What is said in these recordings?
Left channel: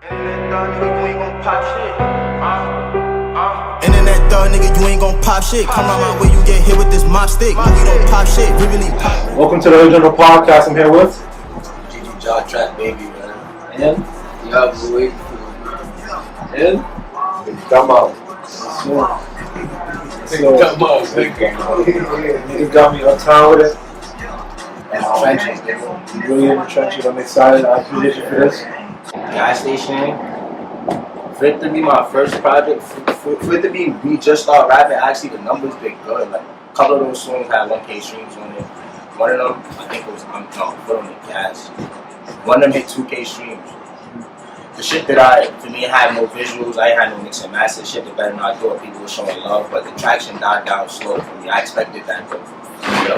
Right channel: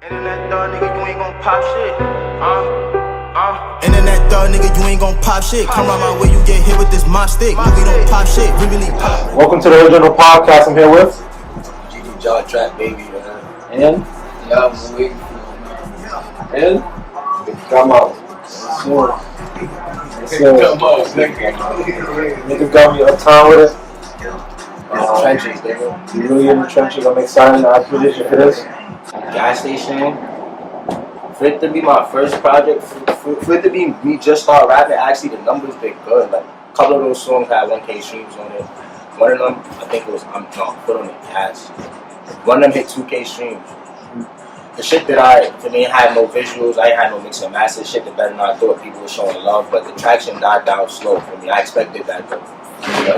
Internet dog, nigga, you ain't gon' pop shit. Internet dog, nigga, you ain't gon' pop shit. Come around my way, you get hit with this mop stick. We don't pop shit, we really pop. Welcome to the original podcast. I'm here with GG Jaw Trap Baby, man. and Y'all boy. and Gummo. Nigga got me uptown with it. Trenches, nigga. You really in the trenches. I'm excited. I appreciate you for this. Gas station. For it to be my first project, for it to be me just start rapping, actually the numbers been good. Like a couple of those songs had 1K streams on it. One of them, I think it was I'm Drunk, Put on the Gas. One of them hit 2K streams. The shit that for me, had no visuals, I ain't had no mix and master. Shit that better than I thought people were showing love, but the traction died down slow for me. I expected that though. I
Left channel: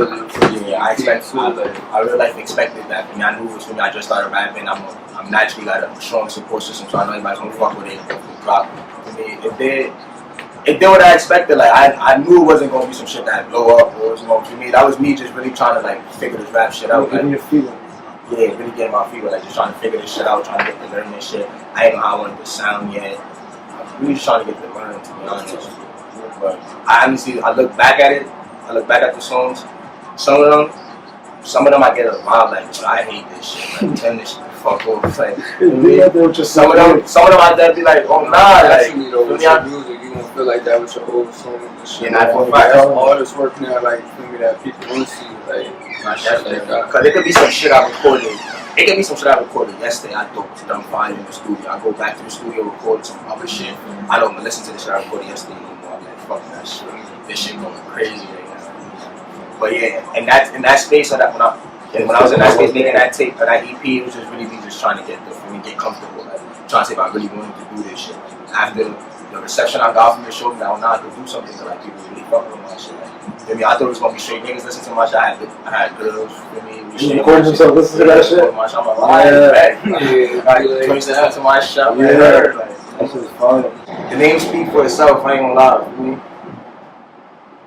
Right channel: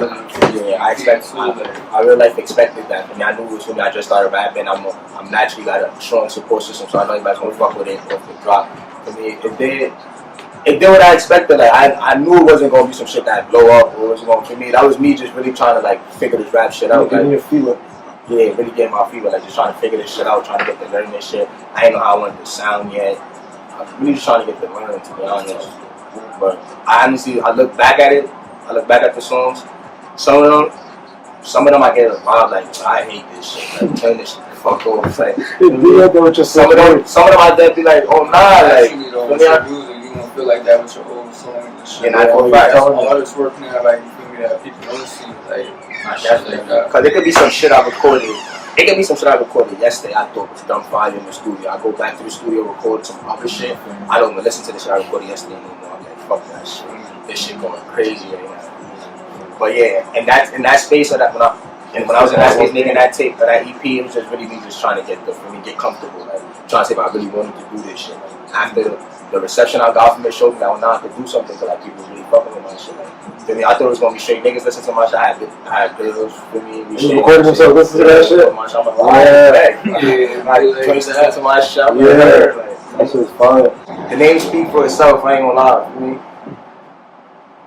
real life expected that for me. I knew it was for me. I just started rapping. I'm naturally got a strong support system, so I know everybody's gonna fuck with it off the drop. For me, it did what I expected. Like I knew it wasn't gonna be some shit that blow up or it was going for me. That was me just really trying to like figure this rap shit out. Getting your feet wet. Yeah, really getting my feet wet, like just trying to figure this shit out, trying to get the learning this shit. I ain't know how I wanted to sound yet. I'm really just trying to get the learning, to be honest. But I honestly, I look back at the songs. Some of them I get a vibe like, I hate this shit. Like, turn this shit the fuck off. Like, some of them I definitely like, oh nah, like. Actually, though, with your music, you won't feel like that with your old songs and shit. Yeah, not for a fact. That's all this work now, like, you feel me, that people want to see, like, Cause it could be some shit I recorded. It could be some shit I recorded yesterday. I thought was dumb fire in the studio. I go back to the studio, record some other shit. I don't even listen to the shit I recorded yesterday no more. I'm like, fuck that shit. This shit going crazy right now. But yeah, in that space of that when I was in that space making that tape or that EP, it was just really me just trying to get comfortable, like trying to see if I really wanted to do this shit. Like after the reception I got from it showed me that now I could do something because like people really fucking with my shit. Like, I mean, I thought it was gonna be straight niggas listen to my shit. I had girls with me. You recording themselves listen to that shit? I'm like, like, listen to my shit. Yeah, like, that shit's fire. The name speak for itself. I ain't gonna lie. For me,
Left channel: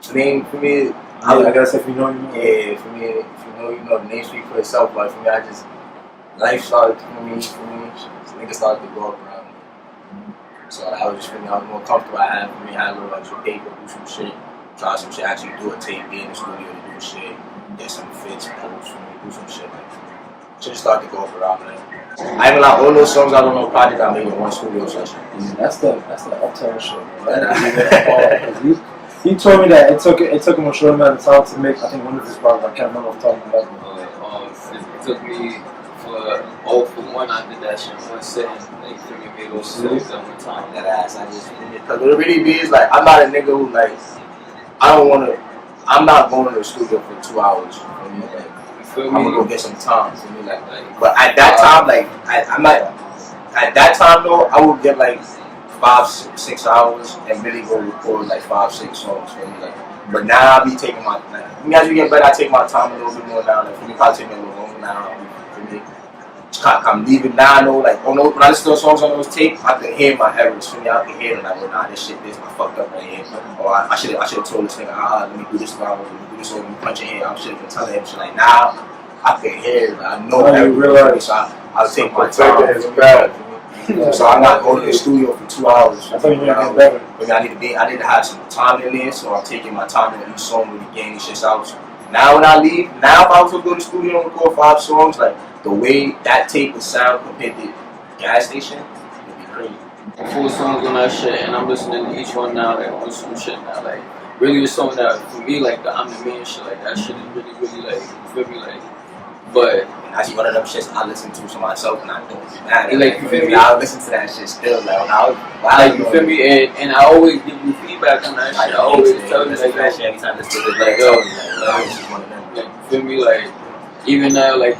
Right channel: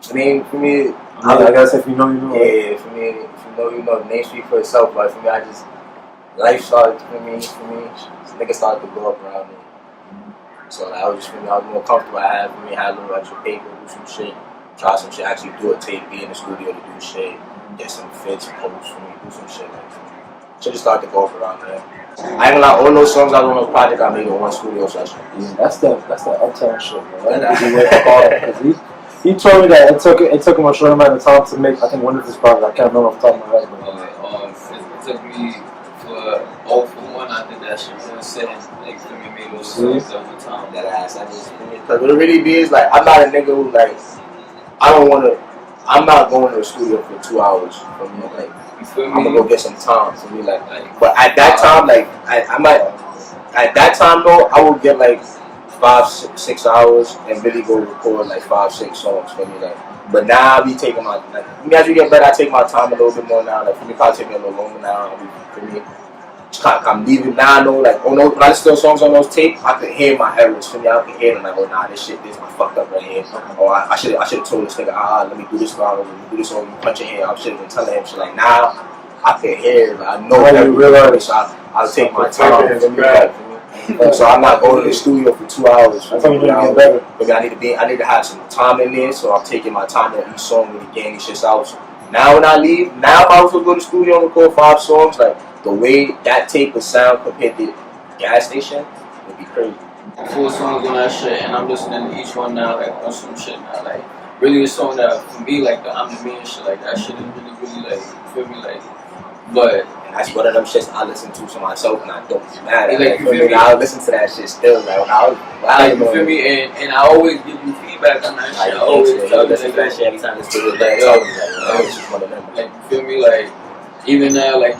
the name for me. I guess if you know, you know. Yeah, for me, if you know, you know. The name speak for itself. But for me, life started for me. Niggas started to go up around me. So I was more comfortable. I had a little extra paper, do some shit, try some shit, actually do a tape, be in the studio to do shit, get some fits, posts for me, do some shit like that. Shit just started to go up around there. I ain't gonna lie, all those songs I was on those projects I made in one studio session. Yeah, that's the uptown shit, man. He told me that it took him a short amount of time to make, I think, one of his projects. I can't remember off the top of my head. it took me for one, I did that shit one sitting. Like, I made those songs at one time. That ass, because what it really be is like, I'm not a nigga who like, I'm not going to the studio for 2 hours for me. Like, I'm gonna go get some time for me. Like, but at that time, like, at that time though, I would get like 5-6 hours and really go record like 5-6 songs for me. Like, but now I be taking my as you get better, I take my time a little bit more now. Like for me, probably take me a little longer now. For me, I'm leaving now. I know, like, when I listen to those songs on those tapes, I could hear my errors. For me, I could hear them like, oh nah, this I fucked up right here. Or I should have told this nigga, let me do this wrong, let me do this over, punch your head. I should have been telling him shit. Like now, I can hear it. Like, I know everything. So I'll take my time. So I'm not going to the studio for 2 hours. But I need to have some time in there. So I'm taking my time on each song with the game, these shits out. So now when I leave, if I was to go to the studio and record 5 songs, like the way that tape would sound compared to Gas Station would be crazy. 4 songs on that shit, and I'm listening to each one now, like on some shit now, like really it's something that for me, like the I'm the Man shit, like that shit is really like, you feel me, like, but. That's one of them shits I listen to myself and I don't be mad at. Like, you feel me? I listen to that shit still. Like, you feel me? And I always give you feedback on that shit. I always tell you like that shit every time I listen to it. It's just one of them. Like, you feel me? Like, even now, like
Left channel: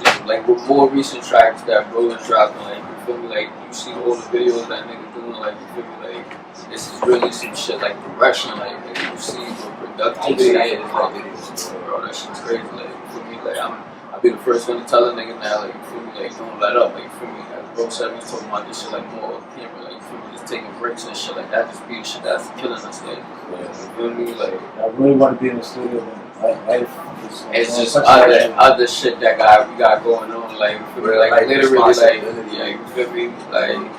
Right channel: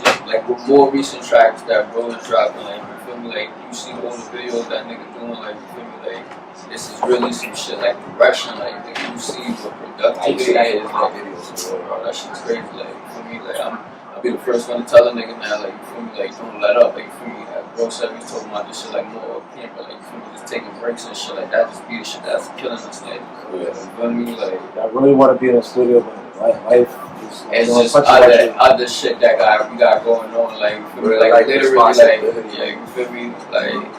with more recent tracks that bro is dropping, like, you feel me? Like, you see all the videos that nigga doing, like, you feel me? Like, this is really some shit like progression, like you see what productivity is. Like, bro, that shit's crazy. Like, you feel me? Like, I'll be the first one to tell a nigga now, like, you feel me, like, don't let up, like, you feel me, like, bro said, we talking about this shit, like, more off camera, like, you feel me, just taking breaks and shit, like, that just be the shit that's killing us, like, you feel me, like, I really want to be in the studio, but life is, it's just other shit that we got going on, like, you feel me, like, literally, like, yeah, you feel me, like,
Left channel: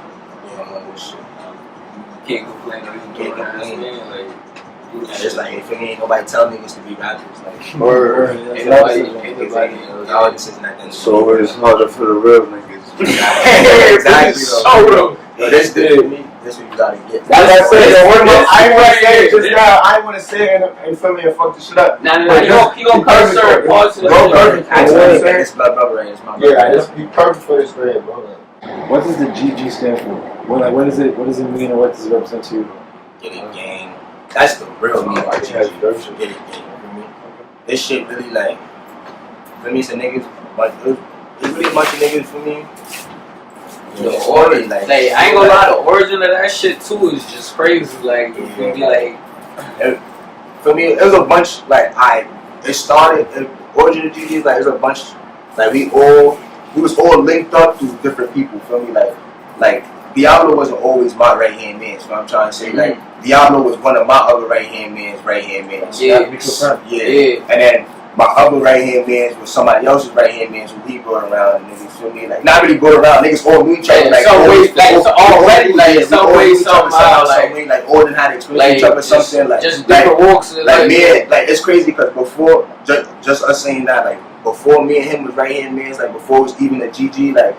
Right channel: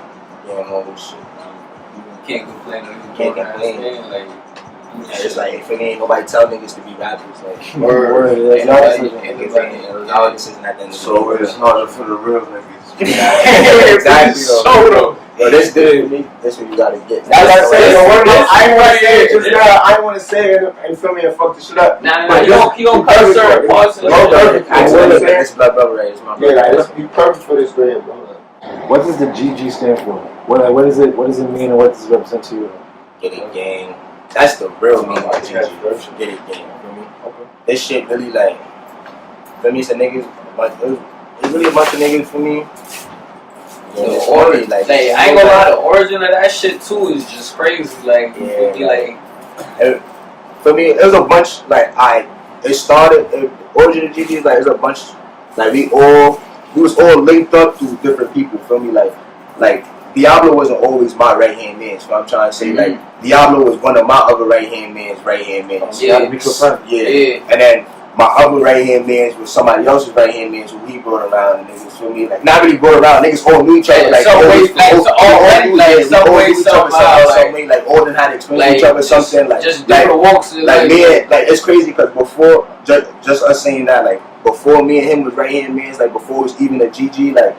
getting all this shit. Can't complain. Can't complain. Man. Like, And it's like, for me, ain't nobody tell niggas to be rappers. Like, Word, ain't that's nobody. all this isn't at the end of the So day. it's harder for the real niggas. Exactly. Show them. Yo, this for me. This what you gotta get. That's what I said. Yo, one of my, This I ain't want to right say it here. just now. I ain't want to say it and feel me and fuck this shit up. Nah, you don't cut certain parts of Bro, the Actually, this is my brother, right? It's my brother. Yeah, let's be perfect for this bread, bro. What does the GG stand for? What is it? What does it mean, and what does it represent to you? Get it gang. That's the real meaning of GG. Get it gang. You feel me? This shit really like, for me, it's a niggas. It's really a bunch of niggas for me. The it's origin, funny, like, I ain't gonna lie, the origin of that shit too is just crazy. Like, you feel me? Like, for me, it was a bunch. Like, it started. The origin of GG is like, there's a bunch. Like, we was all linked up to different people. Feel me? Like Diablo wasn't always my right hand man. So I'm trying to say, like, Diablo was one of my other right hand mans. Yeah. Yeah. And then my other right hand mans was somebody else's right hand mans who he brought around, and niggas feel me, like, not really brought around, niggas all knew each other, like, some ways, some way, like, all done had to explain to each other something, like, just different walks, like me and, like, it's crazy because before, just us saying that, like, before me and him was right hand mans, like, before it was even a GG, like,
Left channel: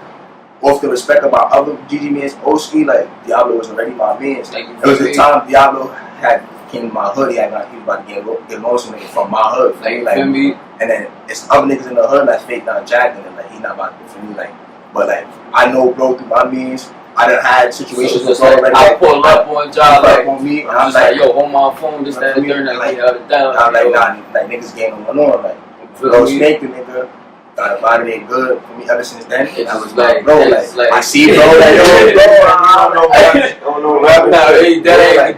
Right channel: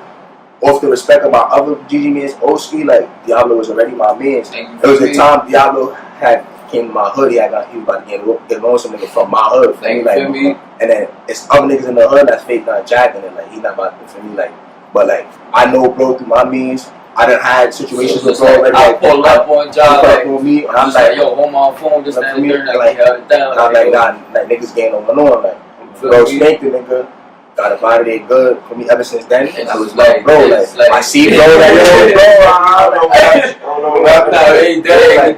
off the respect of my other GG mans, Oski, like, Diablo was already my mans. It was a time Diablo had came to my hood, he was about to get along with some nigga from my hood. Like, and then it's other niggas in the hood that's fake not jacking it, like, he not about to, for me, like, but like, I know bro through my means, I done had situations with bro, like, I pull up on job, like, on me, and I'm like, yo, hold my phone, this, that, and third, like, held it down. I'm like, nah, like, niggas getting on, like, bro, spank the nigga. Got a body they good for me ever since then. And I was like, bro, like, I see bro, like, I don't know what that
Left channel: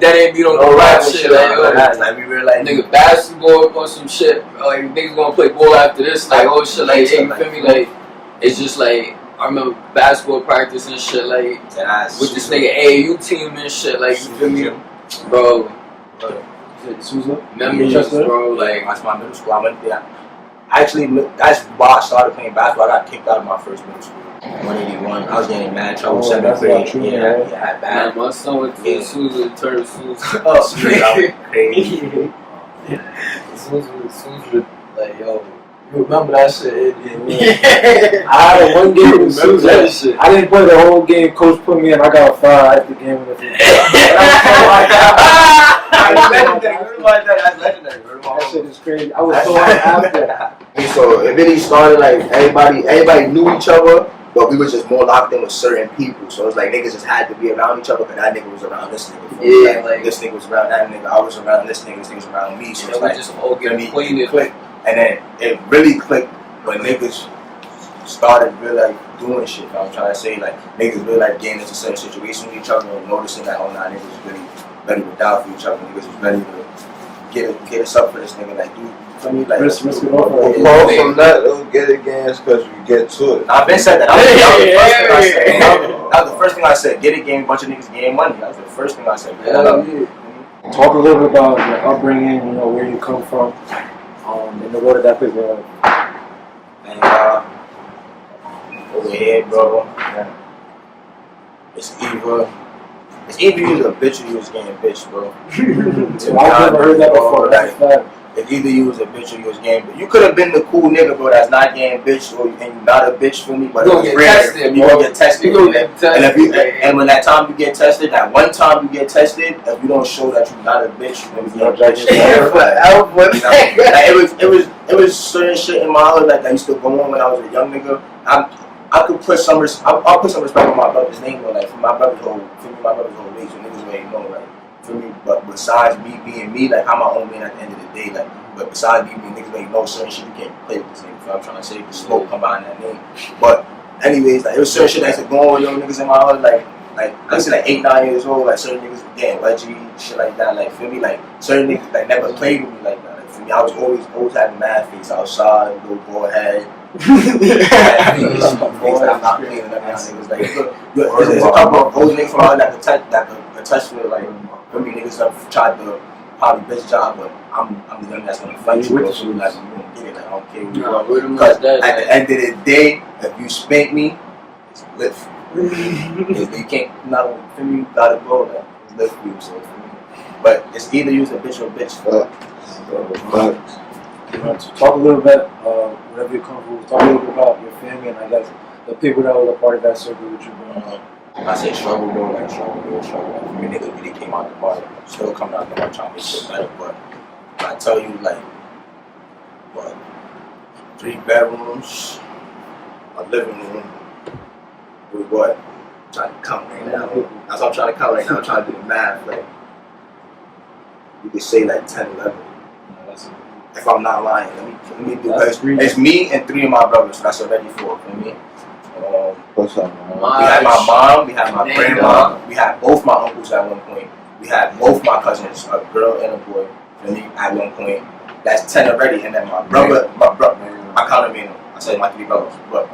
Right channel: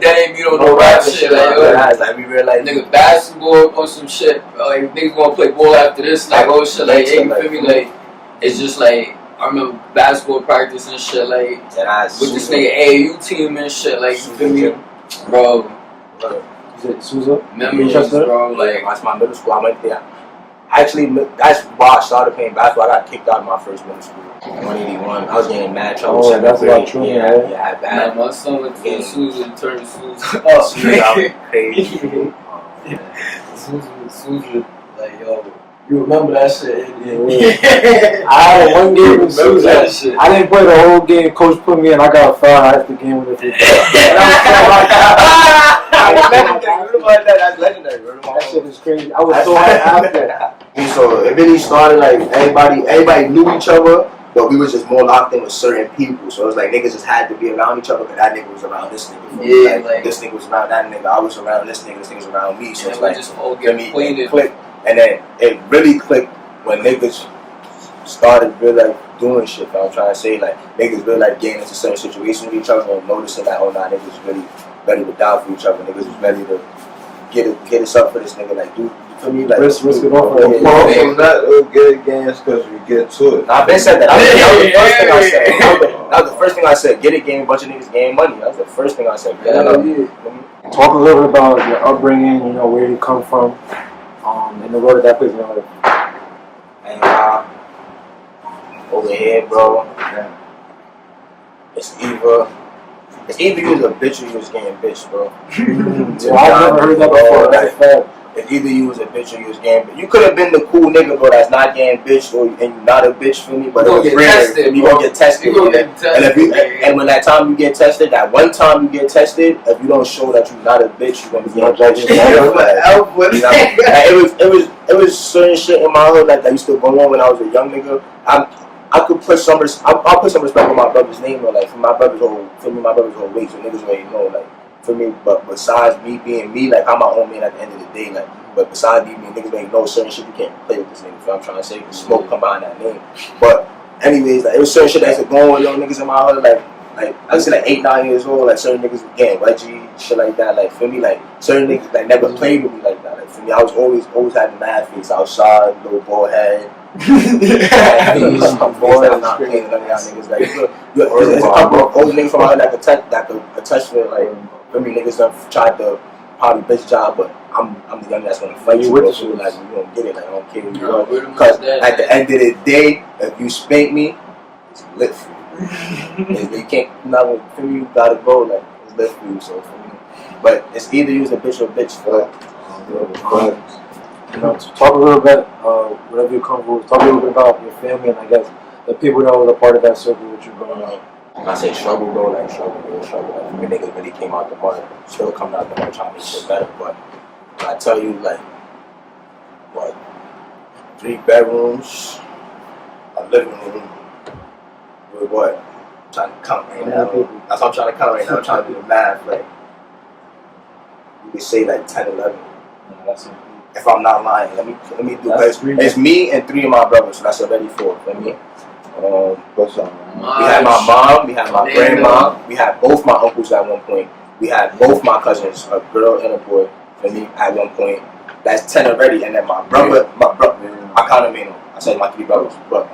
ain't me on no rap shit. Like, we realize, nigga, basketball or some shit. Like, niggas gonna play ball after this. Like, oh shit, like, hey, you feel me? Like, it's just like, I remember basketball practice and shit, like, with this nigga AAU team and shit, like, you feel me? Bro. Is it Sousa? Memories, bro, like. That's my middle school. I went there. Actually, that's why I started playing basketball. I got kicked out of my first middle school. 181. I was getting in mad trouble. 7th grade. Yeah, bad. My son went to Sousa, turned Sousa. Oh, crazy. Sousa, like, yo, you remember that shit? I had one game with Sousa. I didn't play the whole game. Coach put me in. I got a foul after the game with it. That's legendary. That shit is crazy. I was so happy after. So it really started like everybody knew each other, but we was just more locked in with certain people. So it was like niggas just had to be around each other, but that nigga was around this nigga. Yeah, like this nigga was around that nigga. I was around this nigga was around me. So it's we like just all get acquainted. Click. And then it really clicked when niggas started really like doing shit. I'm trying to say, like, niggas really like getting into certain situations with each other and noticing that, oh nah, niggas really ready to die for each other. Niggas was ready to get us up for this nigga. Like, dude, for me, like, risk it all for From that, get it games because we get to it. Nah, I've been said that. That was the first thing I said. Get it, game. Bunch of niggas game money. That was the first thing I said. Talk a little bit about your upbringing. You know, where you come from, and the road that place. You know, and over here, bro, it's either you was a bitch or you was getting bitch, bro. I've never heard that before. That's a fact. It's either you was a bitch or you was getting bitch. You could have been the cool nigga, bro, that's not getting bitch, and you not a bitch for me, but you gonna get tested, you gonna get tested. And when that time you get tested, that one time you get tested, if you don't show that you not a bitch, you gonna be getting bitch. It was certain shit in my hood like that used to go on when I was a young nigga. I could put some I'll put some respect on my brother's name, or like my brother's whole weight, so niggas already know, like, for me. But besides me being me, like, I'm my own man at the end of the day, like, but besides me being niggas already know certain shit you can't play with this nigga. So I'm trying to say smoke come behind that name. But anyways, like, it was certain shit that's going on, young niggas in my hood, like I was like 8, 9 years old, like certain niggas getting wedgie, shit like that, like, for me, like certain niggas like never played with me like that. Like, for me, I was always having mad face outside, little bald head. I'm not playing none of y'all niggas. Like, there's a couple of old niggas from out that could touch me. Like, for me, niggas have tried to probably bitch job, but I'm the young that's gonna fight you. Bro, so like, you don't get it. Like, I don't care who you are. Because at the end of the day, if you spank me, it's lit for you. You can't, you gotta go, like, it's live for you, so for me. But it's either use a bitch or a bitch, for You know, to talk a little bit, whatever you're comfortable with, talk a little bit about your family and I guess the people that were a part of that circle which you're growing up. When I say struggle, bro, like struggle. Like, for me, niggas really came out the mud. Still coming out the mud trying to make shit better. But when I tell you, like, what, 3 bedrooms, a living room, with what? I'm trying to count right now. That's what I'm trying to count right now. I'm trying to do the math. Like, you could say like 10, 11. If I'm not lying, let me do this. It's me and 3 of my brothers, so that's already 4 for me. We had my mom, we had my grandma, we had both my uncles at one point. We had both my cousins, a girl and a boy, for me at one point. That's 10 already, and then my brother, I counted Mano. I said my 3 brothers, but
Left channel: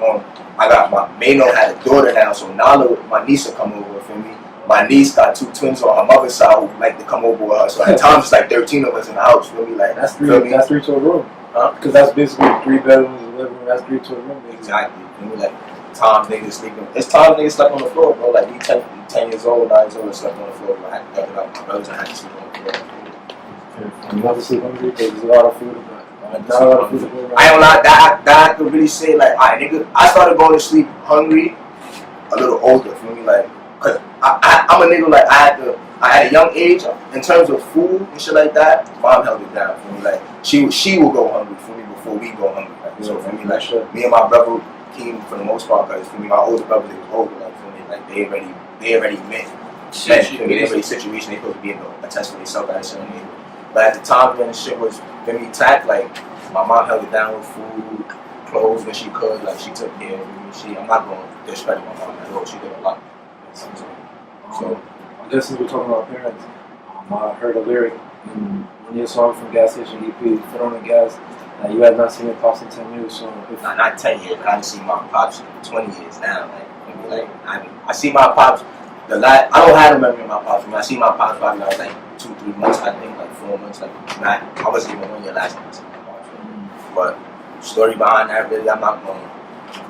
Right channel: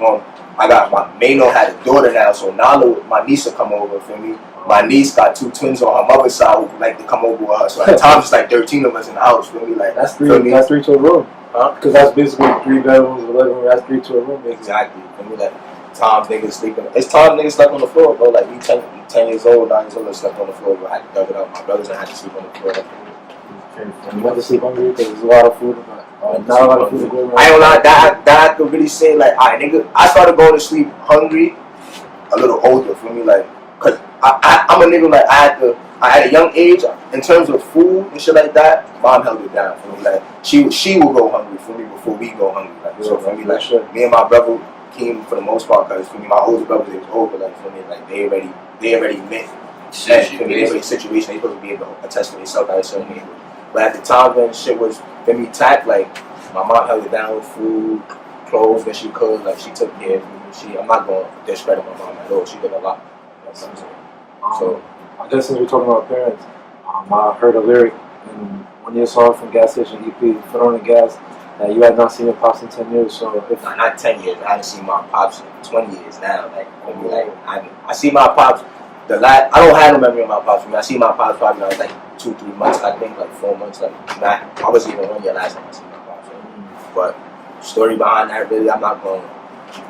I got my Mano had a daughter now, so Nala, my niece, will come over for me. My niece got 2 twins on her mother's side who like to come over with her. So at times it's like 13 of us in the house. Feel me? Like that's 3. That's 3 to a room. Huh? Because that's basically 3 bedrooms, 11. That's 3 to a room. Basically. Exactly. Feel me? Like times niggas sleeping. It's times niggas slept on the floor, bro. Like we 10 years old, 9 years old, and slept on the floor. Bro. I had to dug it up. My brothers had to sleep on the floor. You have to sleep hungry because there's a lot of food. Not a lot of food to go around. I ain't gonna lie. That I could really say like, alright, nigga. I started going to sleep hungry a little older. Feel me? Like. Cause I'm a nigga like I at a young age in terms of food and shit like that. Mom held it down for me. Like she will go hungry for me before we go hungry. Like so for me, like me and my brother came for the most part because for me my older brother is older. Like for me, like they already met. For me, they already situation. They supposed to be able to attest for themselves at a certain age. But at the time when shit was for me tact, like my mom held it down with food, clothes when she could. Like she took care of me. I'm not going to discredit my mom at all. She did a lot. So I guess since we're talking about parents, I heard a lyric in one of your songs from Gas Station EP, Foot on the Gas, that you had not seen your pops in 10 years. So if not 10 years, I haven't seen my pops in 20 years now. Like maybe like I see my pops. I don't have no memory of my pops. I see my pops probably when I was like 2-3 months. I think like 4 months. Like I wasn't even 1 year last time I seen my pops. But story behind that, really, I'm not going to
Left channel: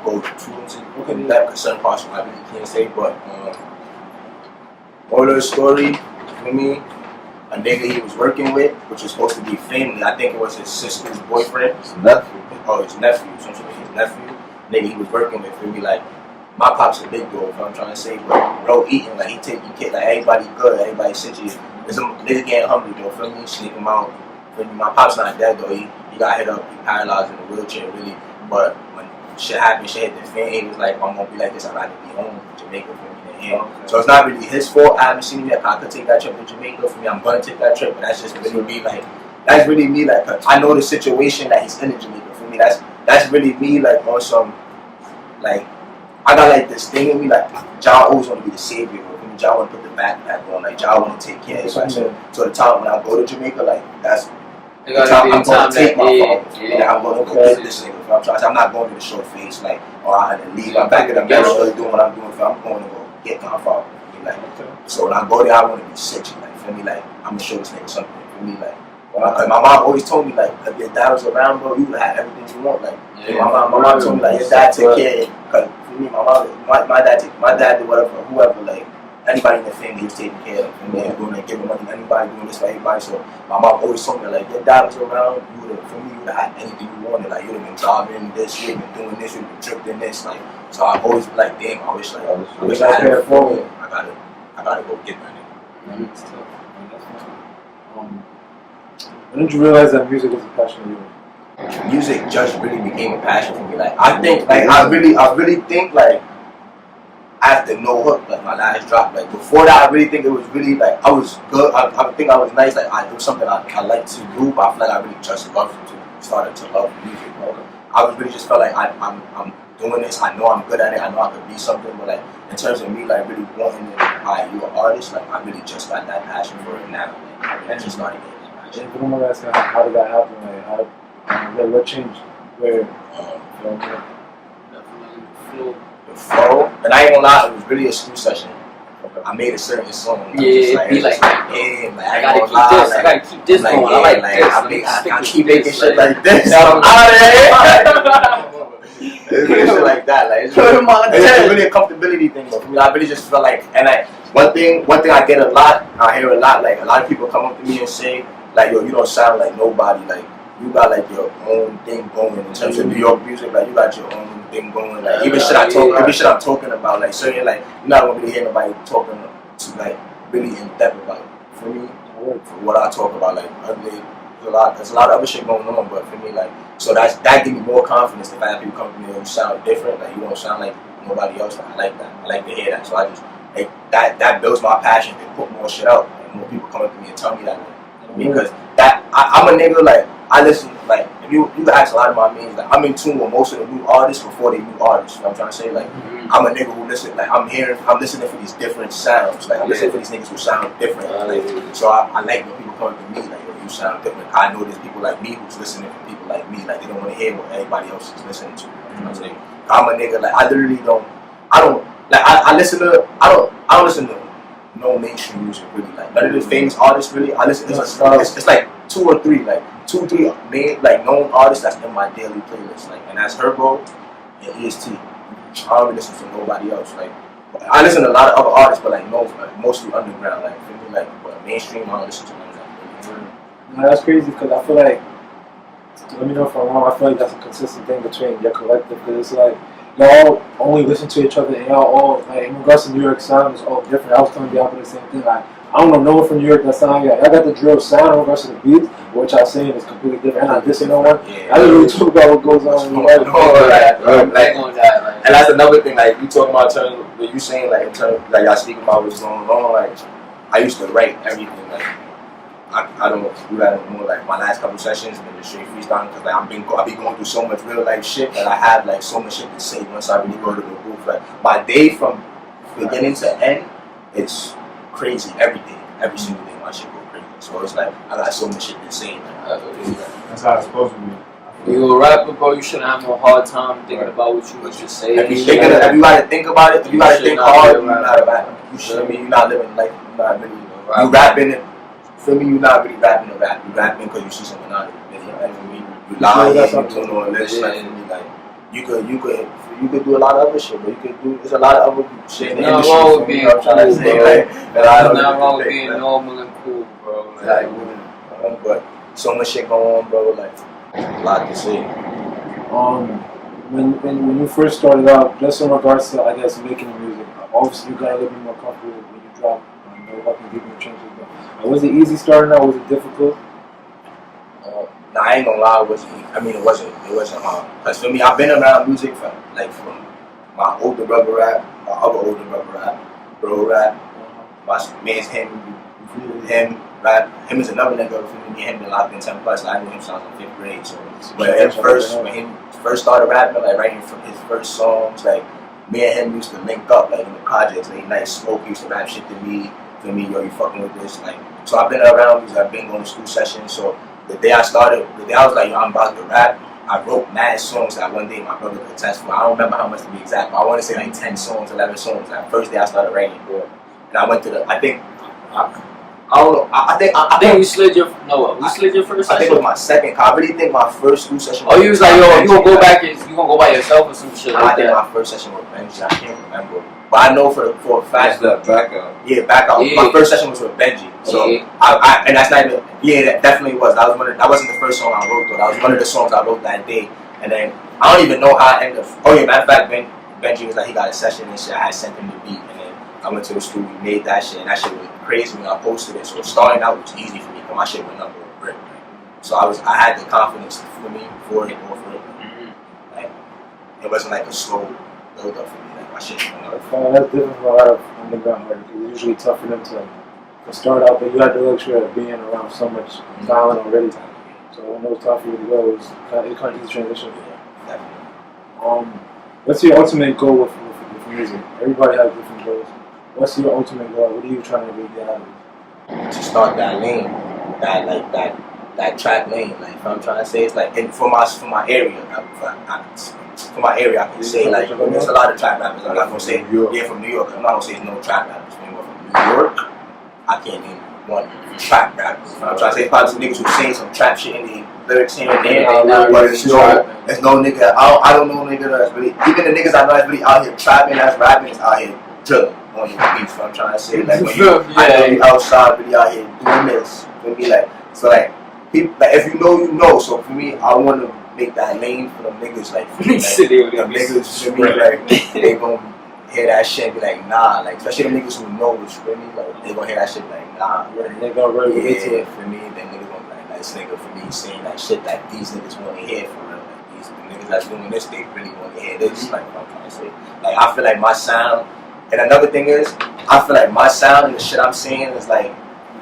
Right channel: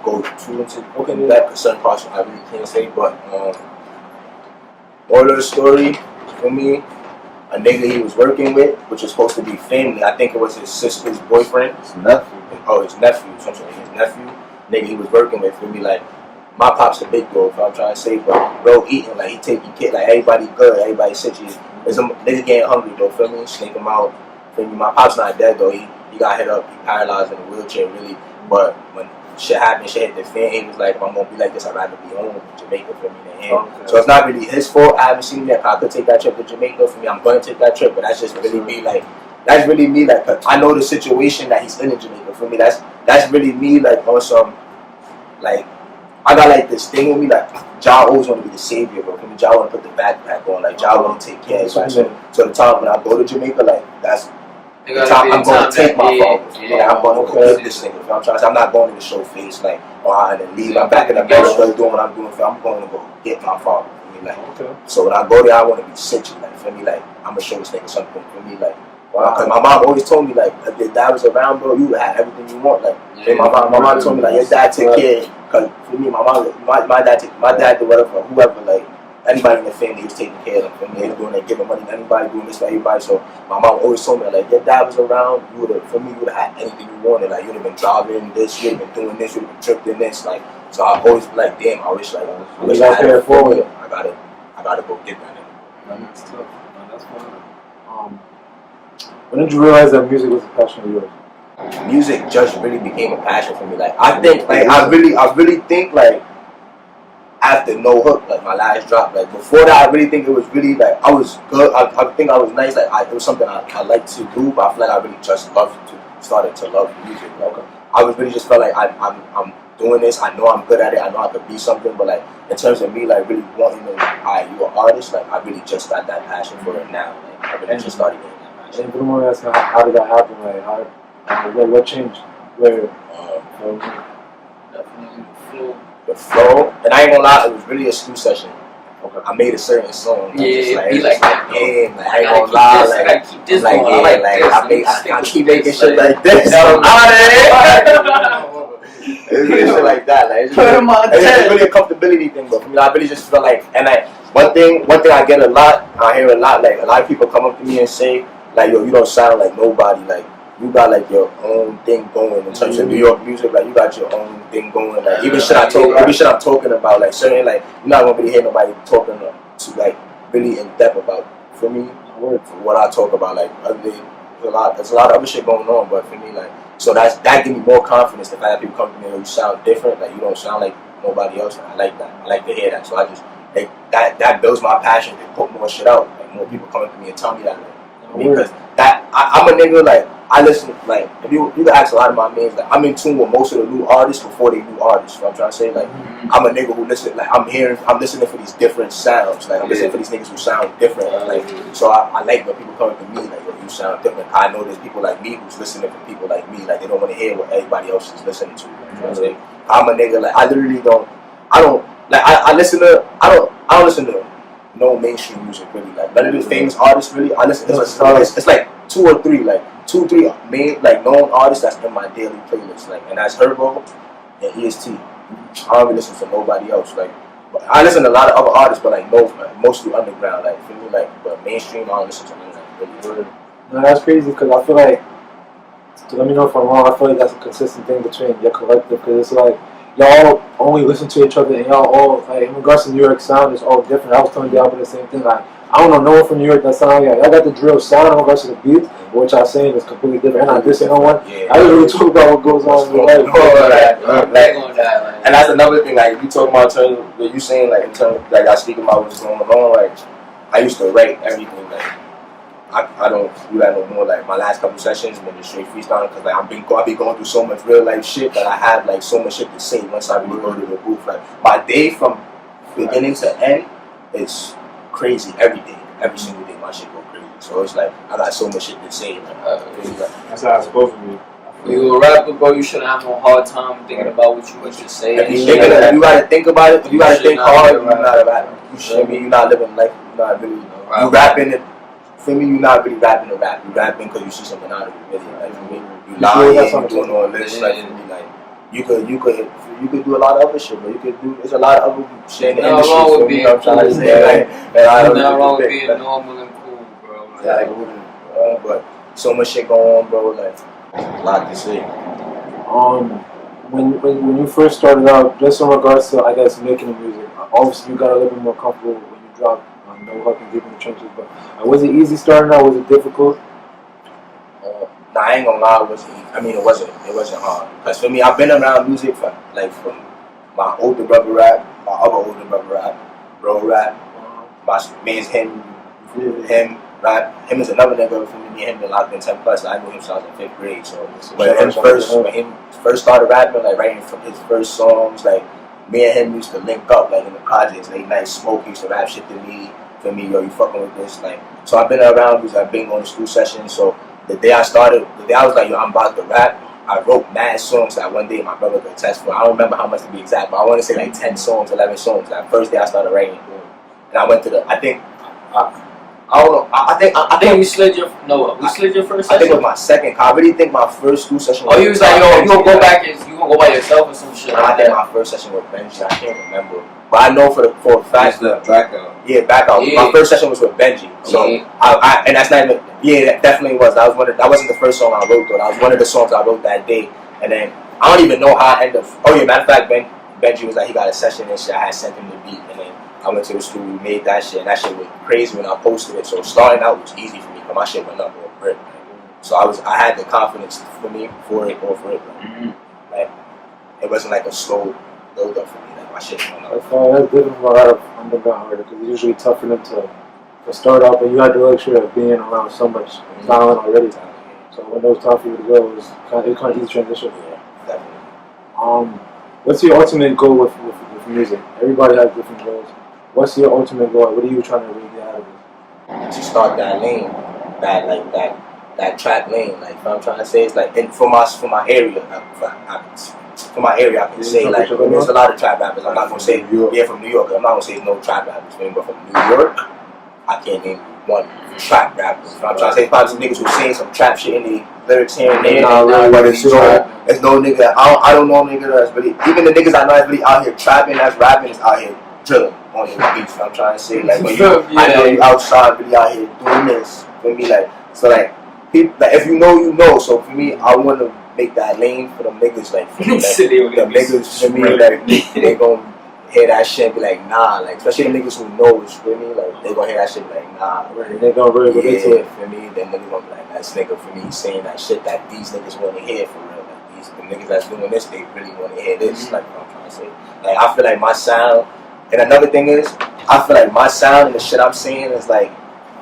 go too into that because certain parts I really can't say. But moral of the story for me, a nigga he was working with, which was supposed to be family. I think it was his sister's boyfriend. His nephew. Oh, his nephew. Something his nephew. Nigga he was working with for me. Like my pop's a big bro. If I'm trying to say, but bro eating like he taking care, like everybody good, everybody situated. There's a nigga getting hungry, bro. Feel me? Snake him out. Feel me? My pop's not dead though. He got hit up. He paralyzed in a wheelchair, really. But when shit happened, shit hit the fan. He was like, if I'm gonna be like this, I'd rather be home in Jamaica for me than him. Okay. So it's not really his fault. I haven't seen him yet. I could take that trip to Jamaica for me. I'm gonna take that trip, but that's just really me. Like, that's really me. Like, cause I know the situation that he's in Jamaica for me. That's really me. Like, on some, like, I got like this thing with me. Like, John always want to be the savior, bro. For me, John want to put the backpack on. Like, John want to take care of everybody. So the time when I go to Jamaica, like, that's. The time I'm going to take my phone. Yeah, I'm going to go this nigga. I'm not going to show face like, and leave. I'm back in America doing what I'm doing. I'm going to go get my phone. Like, so when I go there, I want to be sexy. Like, for me, like, I'm gonna show this nigga something. For me, like, cause my mom always told me like, if your dad was around, bro, you would have everything you want. Like, my mom told me like, your dad take care of it. Cause for me, my dad did whatever, whoever, like. Anybody in the family, he was taking care of them. And they was doing like giving money to anybody, doing this for everybody. So my mom always told me like, your dad was around, you would have had anything you wanted. Like you would have been driving this, you would have been doing this, you would have been tripping this. Like so I've always been like, damn, I wish I had it forward. I gotta go get that nigga. That's tough. That's fun. When did you realize that music was a passion of yours? Music just really became a passion for me. Like I think like I really think like after No Hook, like my last drop, like before that, I really think it was really like I was good. I think I was nice. Like it was something I liked to do, but I feel like I really just started to love music. Like I was really just felt like I'm doing this. I know I'm good at it. I know I could be something. But like in terms of me, like really wanting to, you an artist. Like I really just got that passion for it now. Like, I really just started getting that passion. And if you don't mind asking, how did that happen? Like what changed? Where? Definitely flow. The flow, and I ain't gonna lie, it was really a studio session. Okay. I made a certain song. Yeah, like, damn, like I ain't gonna lie, like, I gotta keep this like, going. I keep making shit like this. I'm out of here. It's really shit like that. Like it's, Put really, him on it's 10. really a comfortability thing, but for me, I really just feel like, and like one thing I get a lot, I hear a lot, like a lot of people come up to me and say, like, yo, you don't sound like nobody, like you got like your own thing going in terms of New York music, like you got your own thing going, like even shit I'm talking about, like certain, like you're not gonna really hear nobody talking to like really in depth about. For me, for what I talk about, like there's a lot of other shit going on, but for me, like, so that gives me more confidence. The fact that people come to me, you sound different, like you don't sound like nobody else. Like, I like that. I like to hear that. So I just like that builds my passion to put more shit out. Like more people come up to me and tell me that, like, because that I'm a nigga, like I listen, like if you can ask a lot of my mates, like I'm in tune with most of the new artists before they new artists. You know what I'm trying to say, like I'm a nigga who listen, like I'm listening for these different sounds, like I'm listening for these niggas who sound different, like so I like when people come to me like, yo, you sound different. I know there's people like me who's listening to people like me, like they don't want to hear what everybody else is listening to. You know what I'm saying? I'm a nigga, like I literally don't like I listen to I don't listen to no mainstream music really, like none of the famous artists really. I listen. It's like 2 or 3 main like known artists that's in my daily playlist, like, and that's Herbo and EST. I don't really listen to nobody else. Like I listen to a lot of other artists, but like mostly underground. Like for me, like but mainstream, I don't listen to none of that. Really. No, that's crazy because I feel like, let me know if I'm wrong, I feel like that's a consistent thing between your collective, because it's like y'all only listen to each other and y'all all, like in regards to New York sound, it's all different. I was telling Diablo the same thing, like I don't know no one from New York that sound like y'all got the drill sound in regards to the beat, which I'm saying is completely different. And I dissing no one. I really talk about what goes on in your life. And that's another thing, like you talking about in terms of what you saying, like in terms of, like y'all speaking about what's going on, like I used to write everything, like I don't do that no more. Like my last couple sessions been just straight freestyling because like I be going through so much real life shit that I have like so much shit to say once I really go to the booth. Like my day from beginning to end, it's crazy every day, every single day. My shit go crazy. So it's like I got so much shit to say. That's how it's supposed to be. You a rapper, bro. You shouldn't have no hard time thinking about what you want to say. If you gotta think about it, if you gotta think hard, you're not a rapper. You're not living life. You're not really. You rapping it. For me, you're not really rapping to rap. You're rapping because you see something out of it. Really. Like, for me, you lying, you doing all this. Like for me, like you could do a lot of other shit, but you could do. There's a lot of other shit in the industry. For me, I'm trying to say, like, nothing wrong with being normal and cool, bro. Like, but so much shit going on, bro. Like, a lot to say. When you first started out, just in regards to, I guess, making the music, obviously you got a little bit more comfortable when you dropped No Helping Deep in the Trenches, but was it easy starting out? Was it difficult? Nah, I ain't gonna lie, it wasn't hard. Cause for me, I've been around music from my older brother rap, my other older brother rap, bro rap, me is him rap. Him is another nigga. For me and him been locked in 10 plus. Like, I knew him since I was in 5th grade. So when he first started rapping, like writing from his first songs, like me and him used to link up, like in the projects, late night smoke. He used to rap shit to me. For me, yo, you fucking with this, like. So I've been around because I've been going to school sessions. So the day I was like, yo, I'm about to rap, I wrote mad songs that one day my brother could attest for. I don't remember how much to be exact, but I want to say like 10 songs, 11 songs. That first day I started writing. And I went to the, I don't know, I think we slid your first session? I think it was my second, I really think my first school session was. Oh, you was like, yo, you gonna go back and you gonna go by yourself or some shit? I think my first session with Benji, I can't remember. But I know for a fact that back out. Yeah. My first session was with Benji. So I and that's not even that definitely was. That wasn't the first song I wrote though. That was one of the songs I wrote that day. And then I don't even know how I ended up. Oh yeah, matter of fact, Benji was like he got a session and shit. I had sent him the beat and then I went to the studio, we made that shit, and that shit was crazy when I posted it. So starting out was easy for me because my shit went up on brick. So I had the confidence for it. Like it wasn't like a slow build up for me. Like my shit went up. That's different from a lot of underground artists because it's usually tough for them to start out, but you had the luxury of being around so much talent already. So when it was time for you to go, it was kind of easy transition. Yeah, definitely. What's your ultimate goal with music? Everybody has different goals. What's your ultimate goal? What are you trying to really get out of it? To start that lane, that track lane. Like what I'm trying to say is like for my area. For my area, I can say like there's a lot of trap rappers. I'm not gonna say from New York. I'm not gonna say no trap rappers. But from New York, I can't name one trap rapper. I'm trying to say probably some niggas who sing some trap shit in lyrics here and there, Nah, but it's no nigga. I don't know nigga that's really, even the niggas I know that's really out here trapping, that's rapping, is out here drilling on the beats. I'm trying to say, like, when I know you outside, really out here doing this. For me, like, so like, people, like, if you know, you know. So for me, I want to make that lane for them niggas, like, for me, like the niggas for me, like, they gon' hear that shit and be like, nah, like, especially the niggas who knows, for me, like, they gon' hear that shit and be like, nah, like, they gonna really relate to it. for me, then niggas gonna be like, this nigga, for me, saying that shit that these niggas wanna hear for real, like, the niggas that's doing this, they really wanna hear this, like, what I'm trying to say. Like, I feel like my sound, and another thing is, I feel like my sound and the shit I'm saying is like,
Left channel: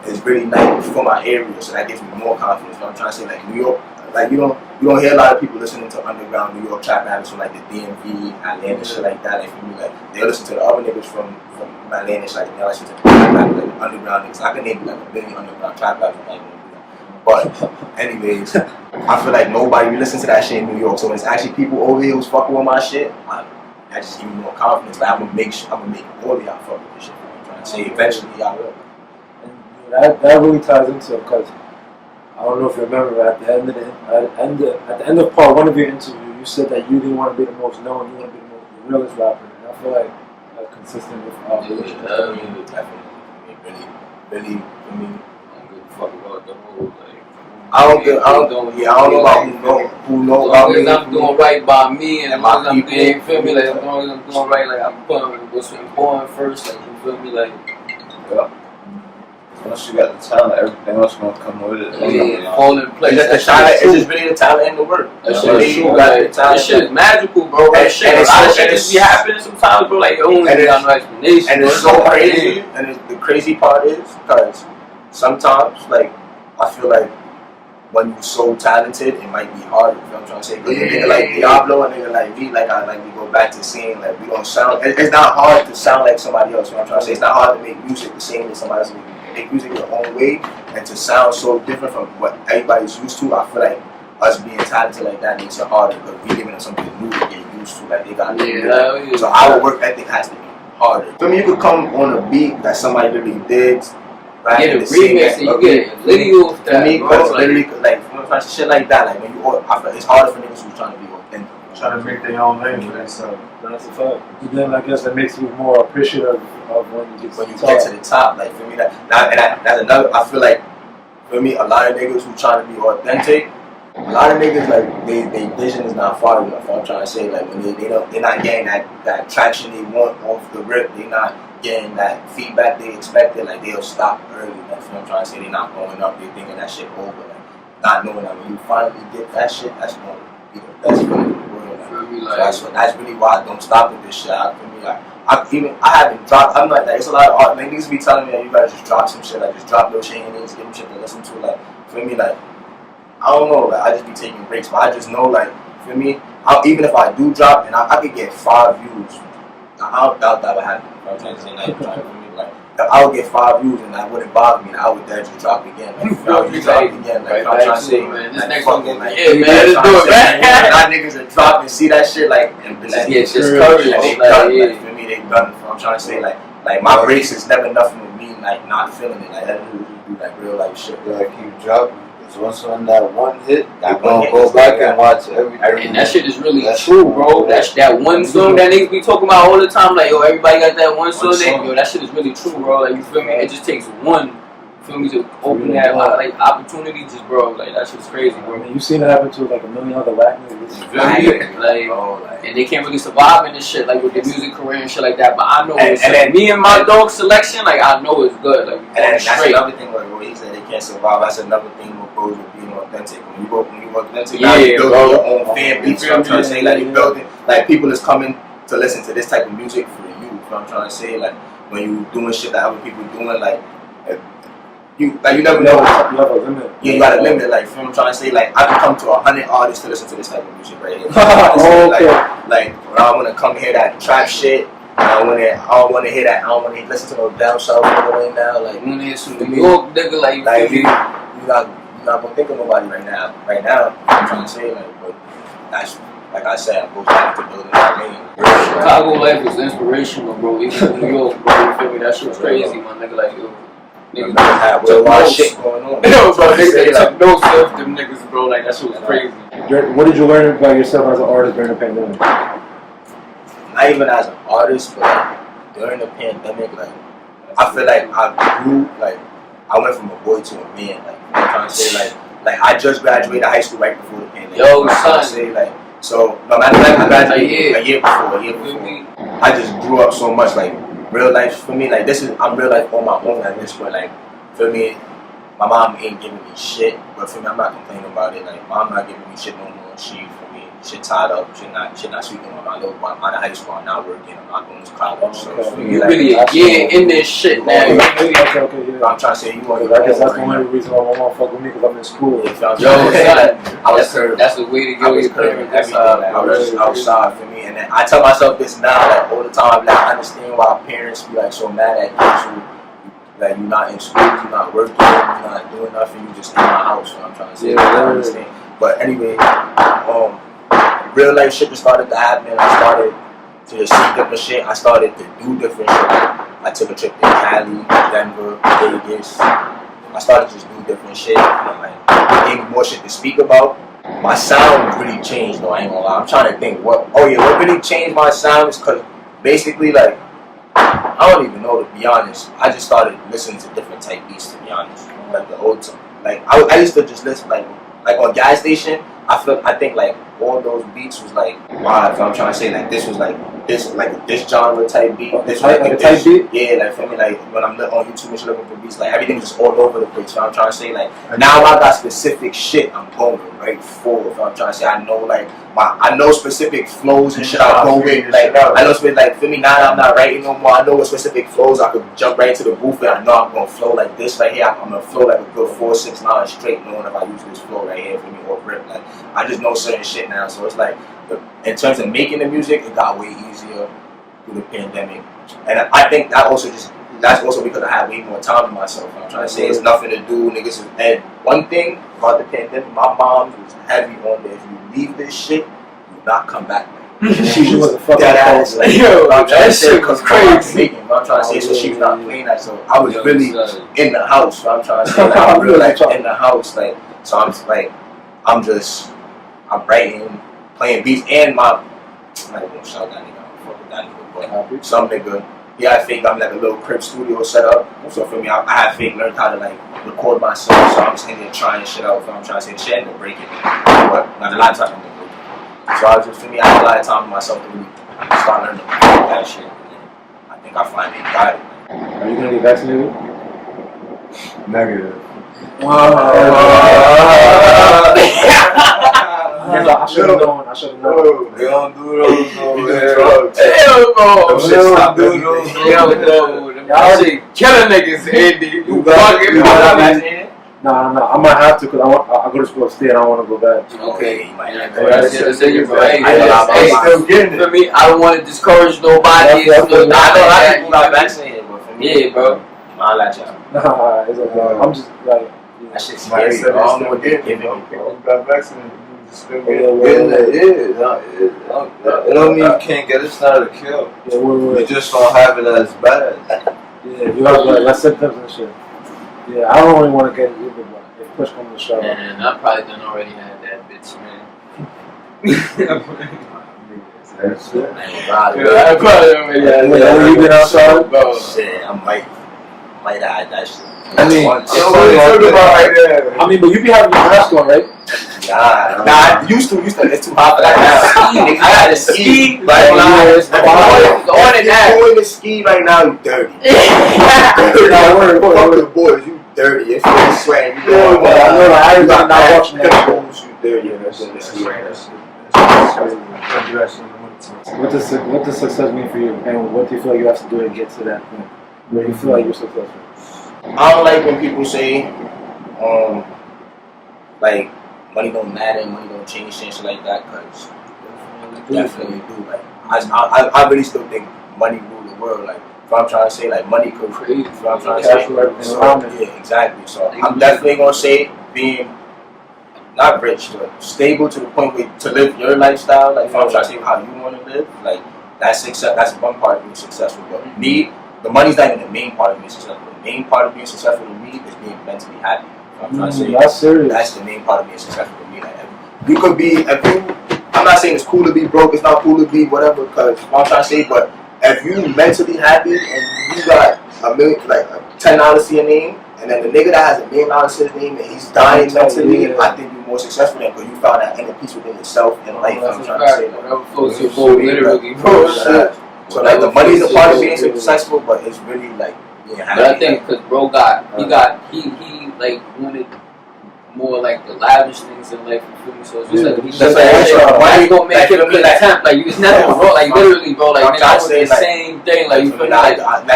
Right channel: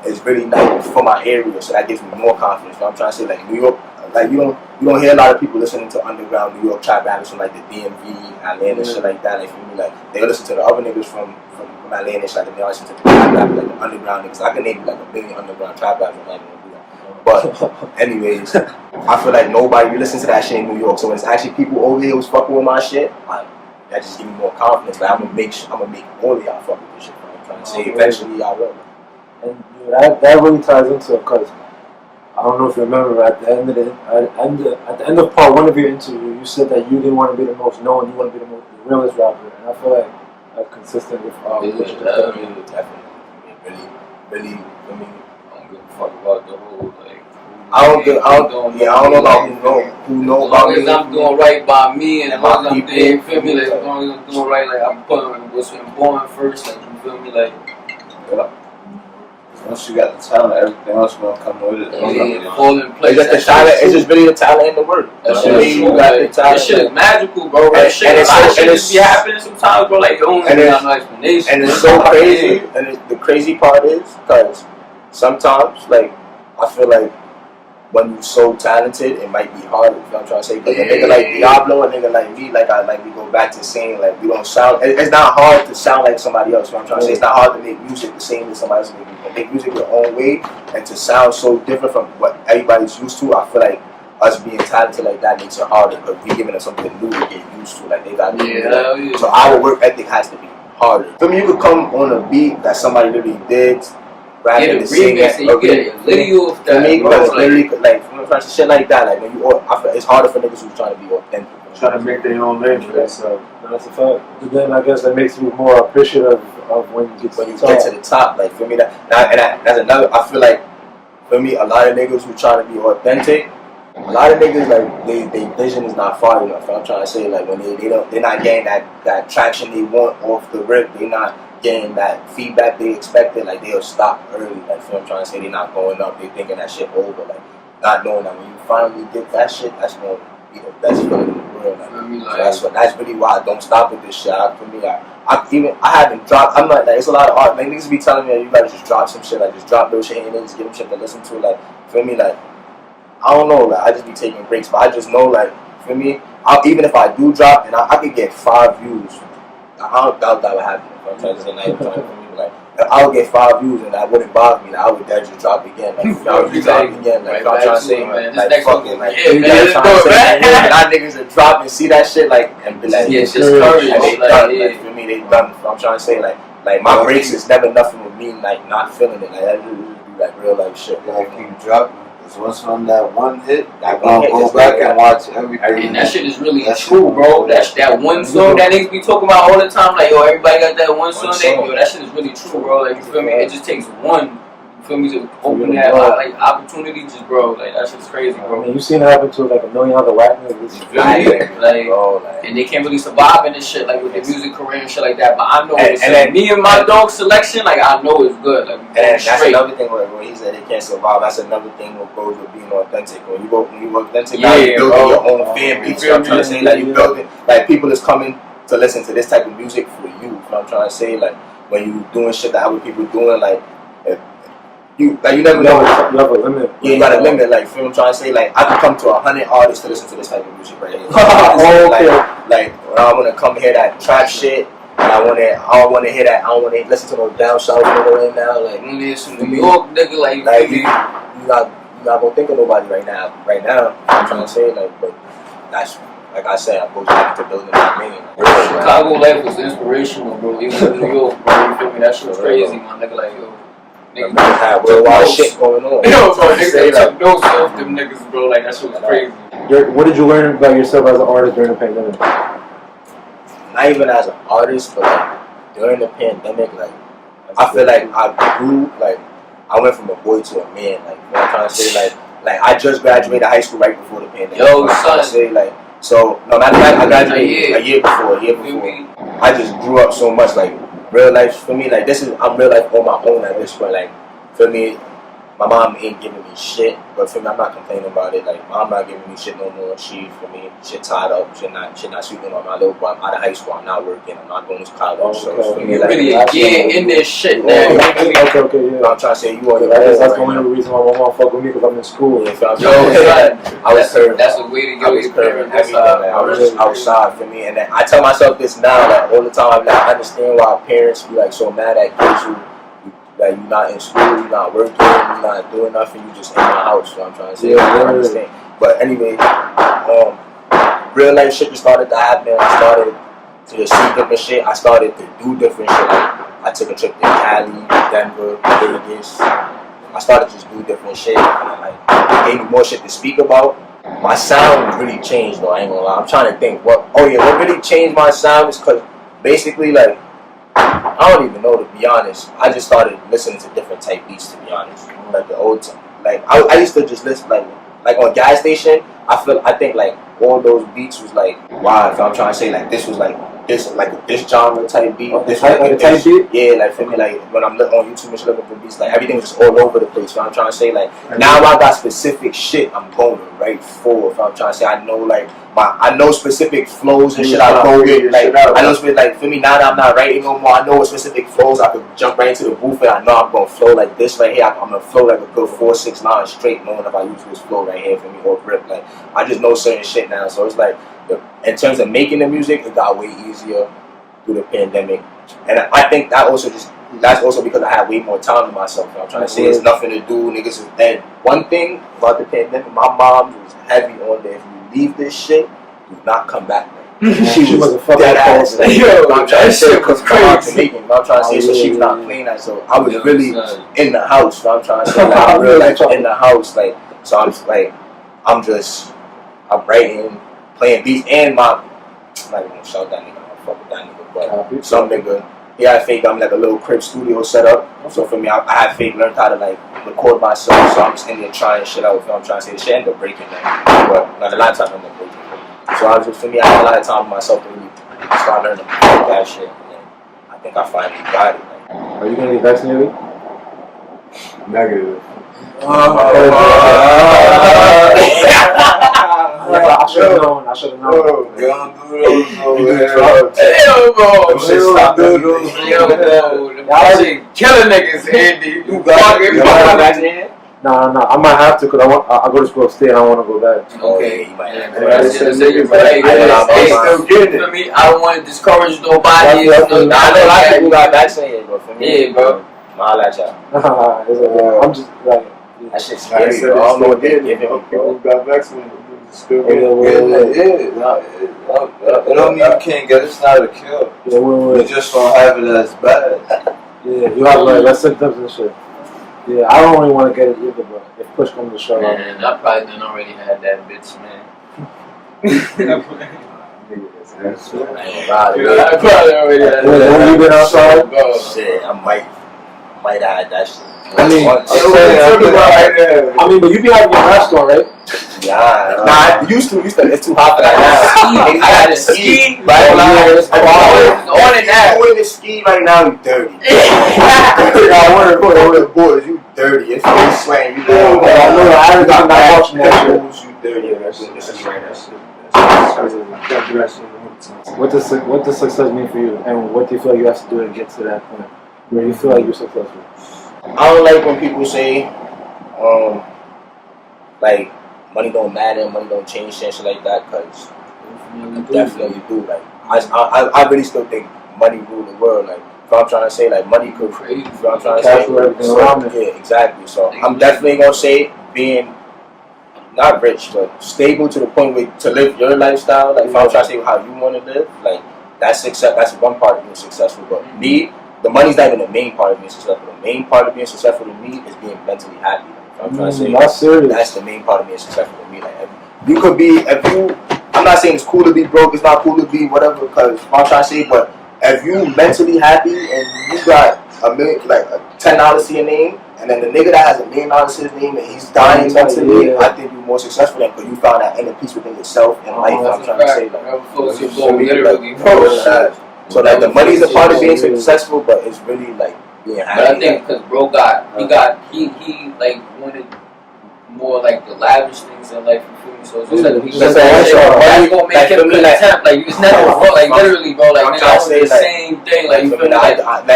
is really nice for my area, so that gives me more confidence. You know what I'm trying to say? Like, New York, like, you don't hear a lot of people listening to underground New York trap rappers from like the DMV, Atlanta, shit like that. Like, for me, like, they listen to the other niggas from Atlanta, shit, like, they listen to the rap, like the underground niggas. I can name like a million underground trap rappers. I'm not gonna do that. But anyways, I feel like nobody listen to that shit in New York. So when it's actually people over here who's fucking with my shit, that just give me more confidence. Like, I'm gonna make all of y'all fuck with this shit. I'm trying to say eventually y'all will. And that really ties into it, because I don't know if you remember, at the end of part 1 of your interview, you said that you didn't want to be the most known, you want to be the realest rapper, and I feel like that's consistent with Definitely. Really, I mean, I don't give a fuck about the whole, like, I don't know about who know about me. As long as I'm doing right by me, and as And long my as I'm doing, you feel me, people. like, as long as I'm doing right, like, I'm putting what's important first, like, you feel me, like, Once you got the talent, everything else gonna come with it. yeah, fall in place. It's just the talent. It's just really the talent and the work. That For shit me, is you true, got like, the talent. that shit is magical, bro. And- That shit, and a it's lot so- of shit and just be it's- happening sometimes, bro. Like, you don't and even it's- got no explanation. And it's so crazy. And the crazy part is, because sometimes, like, I feel like when you're so talented, it might be harder. You know what I'm trying to say? Because a nigga like Diablo, a nigga like me, we go back to saying, like, we don't sound. It's not hard to sound like somebody else. You know what I'm trying to say? It's not hard to make music the same as somebody else. You can make music your own way, and to sound so different from what everybody's used to. I feel like us being talented like that makes it harder, because we giving them something new to get used to. Like, they got Yeah. So our work ethic has to be harder. For me, you could come on a beat that somebody literally did. Get a remix and you get a video of For that, me, bro. because literally, like, shit like that, like, when you, I feel it's harder for niggas who's trying to be authentic. Trying to make their own lane for themselves. That's a fact. But then I guess that makes you more appreciative of when you get to When you the get top. to the top, like, for me, that's another. I feel like, for me, a lot of niggas who trying to be authentic, a lot of niggas, like, they vision is not far enough. I'm trying to say, like, when they're not getting that traction they want off the rip, they're not getting that feedback they expected, like, they'll stop early. Like, so I'm trying to say, they're not going up, they thinking that shit over, like, not knowing that when you finally get that shit, that's gonna be the best feeling in the world. Like, Feel me, so like, that's really why I don't stop with this shit. For me, I haven't dropped. I'm like, there's a lot of art. Like, niggas be telling me, you gotta just drop some shit, like, just drop those shit and then just give them shit to listen to. Like, for me, like, I don't know, like, I just be taking breaks, but I just know, like, for me, even if I do drop and I could get 5 views, I don't doubt that would happen. I'm trying to say, like, for me, like, if I would get 5 views and that wouldn't bother me, like, I would dare just drop again. Like, if I would just drop again, like, I'm trying to say, man, this like, next fucking, one, like, yeah, you man, guys let's trying do to it, say, man. like, not niggas that drop and see that shit, like, and be like, yeah, just and courage, they like, done. yeah. Like, for me, they done. I'm trying to say, like my breaks is never nothing with me, like, not feeling it. Like, that just be like real life shit. You gotta keep dropping. Cause once on that one hit, That you're one gonna hit go is back like and that. watch everything. And that shit is really That true, shit- bro. That one song that niggas be talking about all the time, like, yo, everybody got that one song. song. Yo, that shit is really true, bro. Like, you feel me? It just takes one, you feel me, to open that like opportunity, just, bro. Like, that shit's crazy, I bro. mean, you've seen it happen to like a million other whack niggas. You feel me? Like, Bro, like, and they can't really survive in this shit, like, with the music career and shit like that. But I know And- it's and then- me and my dog selection, like, I know it's good. Like, we and going that's straight. another thing where he said they can't survive. That's another thing what goes with being authentic. When you authentic, now Yeah, you building bro. your own fan base. You know what I'm trying to say? Like, you building, like, people is coming to listen to this type of music for you. You know what I'm trying to say? Like, when you doing shit that other people doing, like, if you never know. You have a limit. Yeah, you got a limit. Like, you know what I'm trying to say? Like, I can come to 100 artists to listen to this type of music right here. Oh, okay. Like, when I want to come hear that trap shit, and I don't want to hear that. I don't want to listen to no down south nigga right now. Like, When there's some New York nigga, like, you like feel you me? not gonna think of nobody right now. Right now, I'm trying to say, like, but that's, like I said, I go back to building that lane. Chicago life was inspirational, bro. Even in New York, bro. You feel me? That shit's crazy, my nigga. Like, yo, Niggas Niggas had worldwide shit going on. Yo, bro, I'm trying to say, niggas took notes off them niggas, bro. Like, that shit was crazy. What did you learn about yourself as an artist during the pandemic? not even as an artist, but like during the pandemic, like I feel like I grew, like I went from a boy to a man. Like you know what I'm trying to say, like I just graduated high school right before the pandemic. Yo, you know I'm trying to say, like so. No, matter of fact, I graduated a year before. I just grew up so much, like real life for me. Like I'm real life on my own at this point. Like for me, my mom ain't giving me shit, but for me, I'm not complaining about it. Like, mom not giving me shit no more. She, for me, shit tied up. Shit not sweeping on my little boy. I'm out of high school. I'm not working. I'm not going to college. So for me, You like, really getting in this shit now. Okay, yeah. I'm trying to say you on your I guess own that's right the only now. reason why my mom fuck with me, because I'm in school. Yeah, so I'm Yo, trying to say, son, like, I was curved. That's the way to I go. was Your curving parents, everything. Like, I was outside for me, and then I tell myself this now, like all the time. Like, I understand why parents be like so mad at kids who, like, you're not in school, you're not working, you're not doing nothing, you just in my house. So I'm trying to say, I understand. But anyway, real life shit just started to happen. I started to just see different shit. I started to do different shit. Like, I took a trip to Cali, Denver, Vegas. I started to just do different shit, and like, it gave me more shit to speak about. My sound really changed, though. I ain't gonna lie. I'm trying to think what really changed my sound is because basically, like, I don't even know, to be honest. I just started listening to different type beats, to be honest. Like the old time. Like I used to just listen like on gas station. I think like all those beats was like wow. So I'm trying to say like this was like this genre type beat. This Like a type beat? Yeah, like for me, like when I'm on YouTube and shit looking for beats, like everything was just all over the place. So I'm trying to say like now I got specific shit I'm going right for. So I'm trying to say I know like I know specific flows and shit I go with. Like I know specific, like for me now that I'm not writing no more, I know what specific flows I could jump right into the booth and I know I'm gonna flow like this right here. I'm gonna flow like a good 4-6 lines straight, knowing if I use this flow right here for me or rip. Like I just know certain shit now. So it's like in terms of making the music, it got way easier through the pandemic, and I think that's also because I had way more time to myself. I'm trying to say it's nothing to do, niggas is dead. One thing about the pandemic, my mom was heavy on that. If you leave this shit, do not come back. Like, she was dead ass. Like, yo, I'm trying to say because crazy. I'm trying to say so she was not playing that. So I was really in the house. So I'm trying to say like I'm really like in the house. Like so I'm like I'm writing, playing beats, and I'm not even gonna shout that nigga. I don't fuck with that nigga, but some nigga. Yeah, I fake. I'm like a little crib studio set up. So for me, I had fake learned how to like record myself. So I'm just in there trying shit out. I'm trying to say the shit ended up breaking, but the laptop ended up breaking. So I was just for me, I had a lot of time for myself to really start learning to record that shit. And I think I finally got it. Are you gonna get vaccinated? Negative. I should have known. I should have known. They don't do those over here. Hell no! Them shit stop doing Hell no! That shit killing niggas, Andy. You fucking vaccinated? No, I might have to because I go to school upstate and I want to go back. Okay, you might have For me, I don't want to discourage nobody. I know a lot of people got vaccinated, but for me, yeah, bro. I'll let y'all. I'm just like, that shit's scary. I don't know what they're giving me, bro. People got vaccinated. Still It don't mean you can't get it. It's not a kill. You just don't have it as bad. Yeah, you have like less symptoms and shit. Yeah, I don't really want to get it either, but if push comes to shove. Man, I probably done already had that bitch, man. I probably already had that. You been outside? Bro. Shit, I might have had that shit. I mean, but you be having your mask on, right? Yeah, I used to. It's too hot for that now. I got to ski. Right now. You're going to ski right now. You dirty. I want to Fuck the boys. You dirty. If you're sweating, you know. I got not watching that. You dirty. You're going to ski right now. What does success mean for you, and what do you feel like you have to do to get to that point where you feel like you're successful? I don't like when people say, like, money don't matter, money don't change, shit like that, because I definitely do. Like, I really still think money rule the world. Like, if I'm trying to say, like, money could create, if I'm trying to say, so, yeah, exactly. So, I'm definitely going to say being, not rich, but stable to the point where to live your lifestyle. Like, if I'm trying to say how you want to live, like, that's success. That's one part of being successful. But me, the money's not even the main part of being successful. The main part of being successful to me is being mentally happy. I'm trying to say that's serious. that's the main part of being successful to me. Like, you could be, I'm not saying it's cool to be broke, it's not cool to be whatever, because I'm trying to say, but if you mentally happy and you got $1 million, like $10 to your name, and then the nigga that has $1 million to his name and he's dying mentally, I think you're more successful than because you found that inner peace within yourself and life. I'm trying to say, so like the money's a part of being successful, but it's really like being happy. But I think because bro he like wanted more like the lavish things in life, you feel me? So it's just like that's gonna make him contempt. Like it's nothing wrong. Like literally, bro. Like man, I want the same thing. Like you feel me?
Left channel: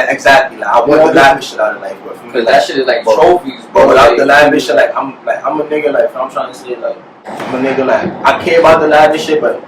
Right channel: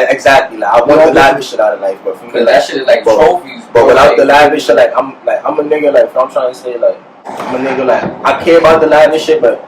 Exactly. Like I want the lavish shit out of life, but for me, that shit is like trophies. But without the lavish shit, like I'm a nigga. Like I'm trying to say, like I'm a nigga. Like I care about the lavish shit, but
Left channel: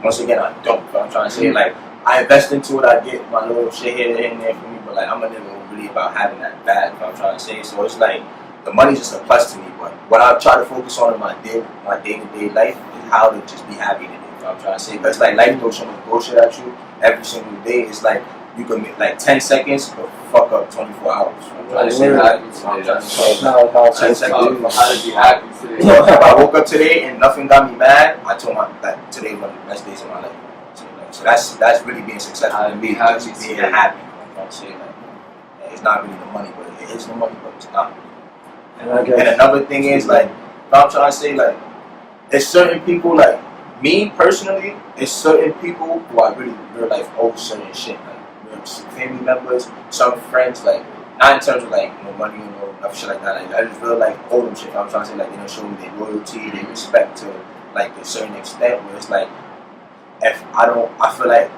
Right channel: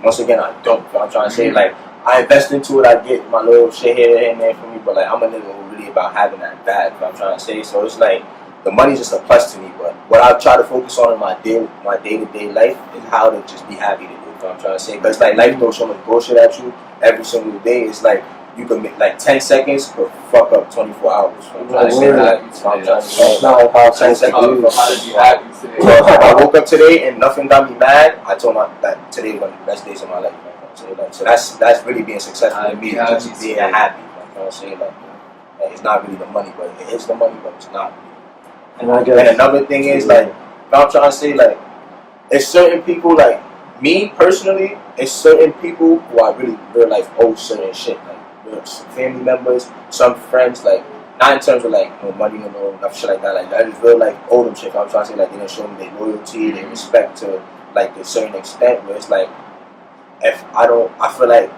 once again, I don't. I'm trying to say, like I invest into it. I get my little shit here and there for me, but like I'm a nigga who really about having that bad. I'm trying to say, so it's like. The money's just a plus to me, but what I try to focus on in my day-to-day life is how to just be happy to do. You know what I'm trying to say? Because like life throws so much bullshit at you every single day. It's like you can make like 10 seconds could fuck up 24 hours. You know what I'm trying to say? I'm trying to say 10 seconds. So if I woke up today and nothing got me mad, I told that today was one of the best days of my life. So that's really being successful to me. Just being happy. I'm trying to say like it's not really the money, but it is the money, but it's not. And another thing is like, I'm trying to say like, it's certain people like me personally. It's certain people who I really real life owe certain shit like family members, some friends like not in terms of like money or no shit like that. Like I just real life owe them shit. I'm trying to say like they don't show me their loyalty, their respect to like a certain extent. Where it's like if I feel like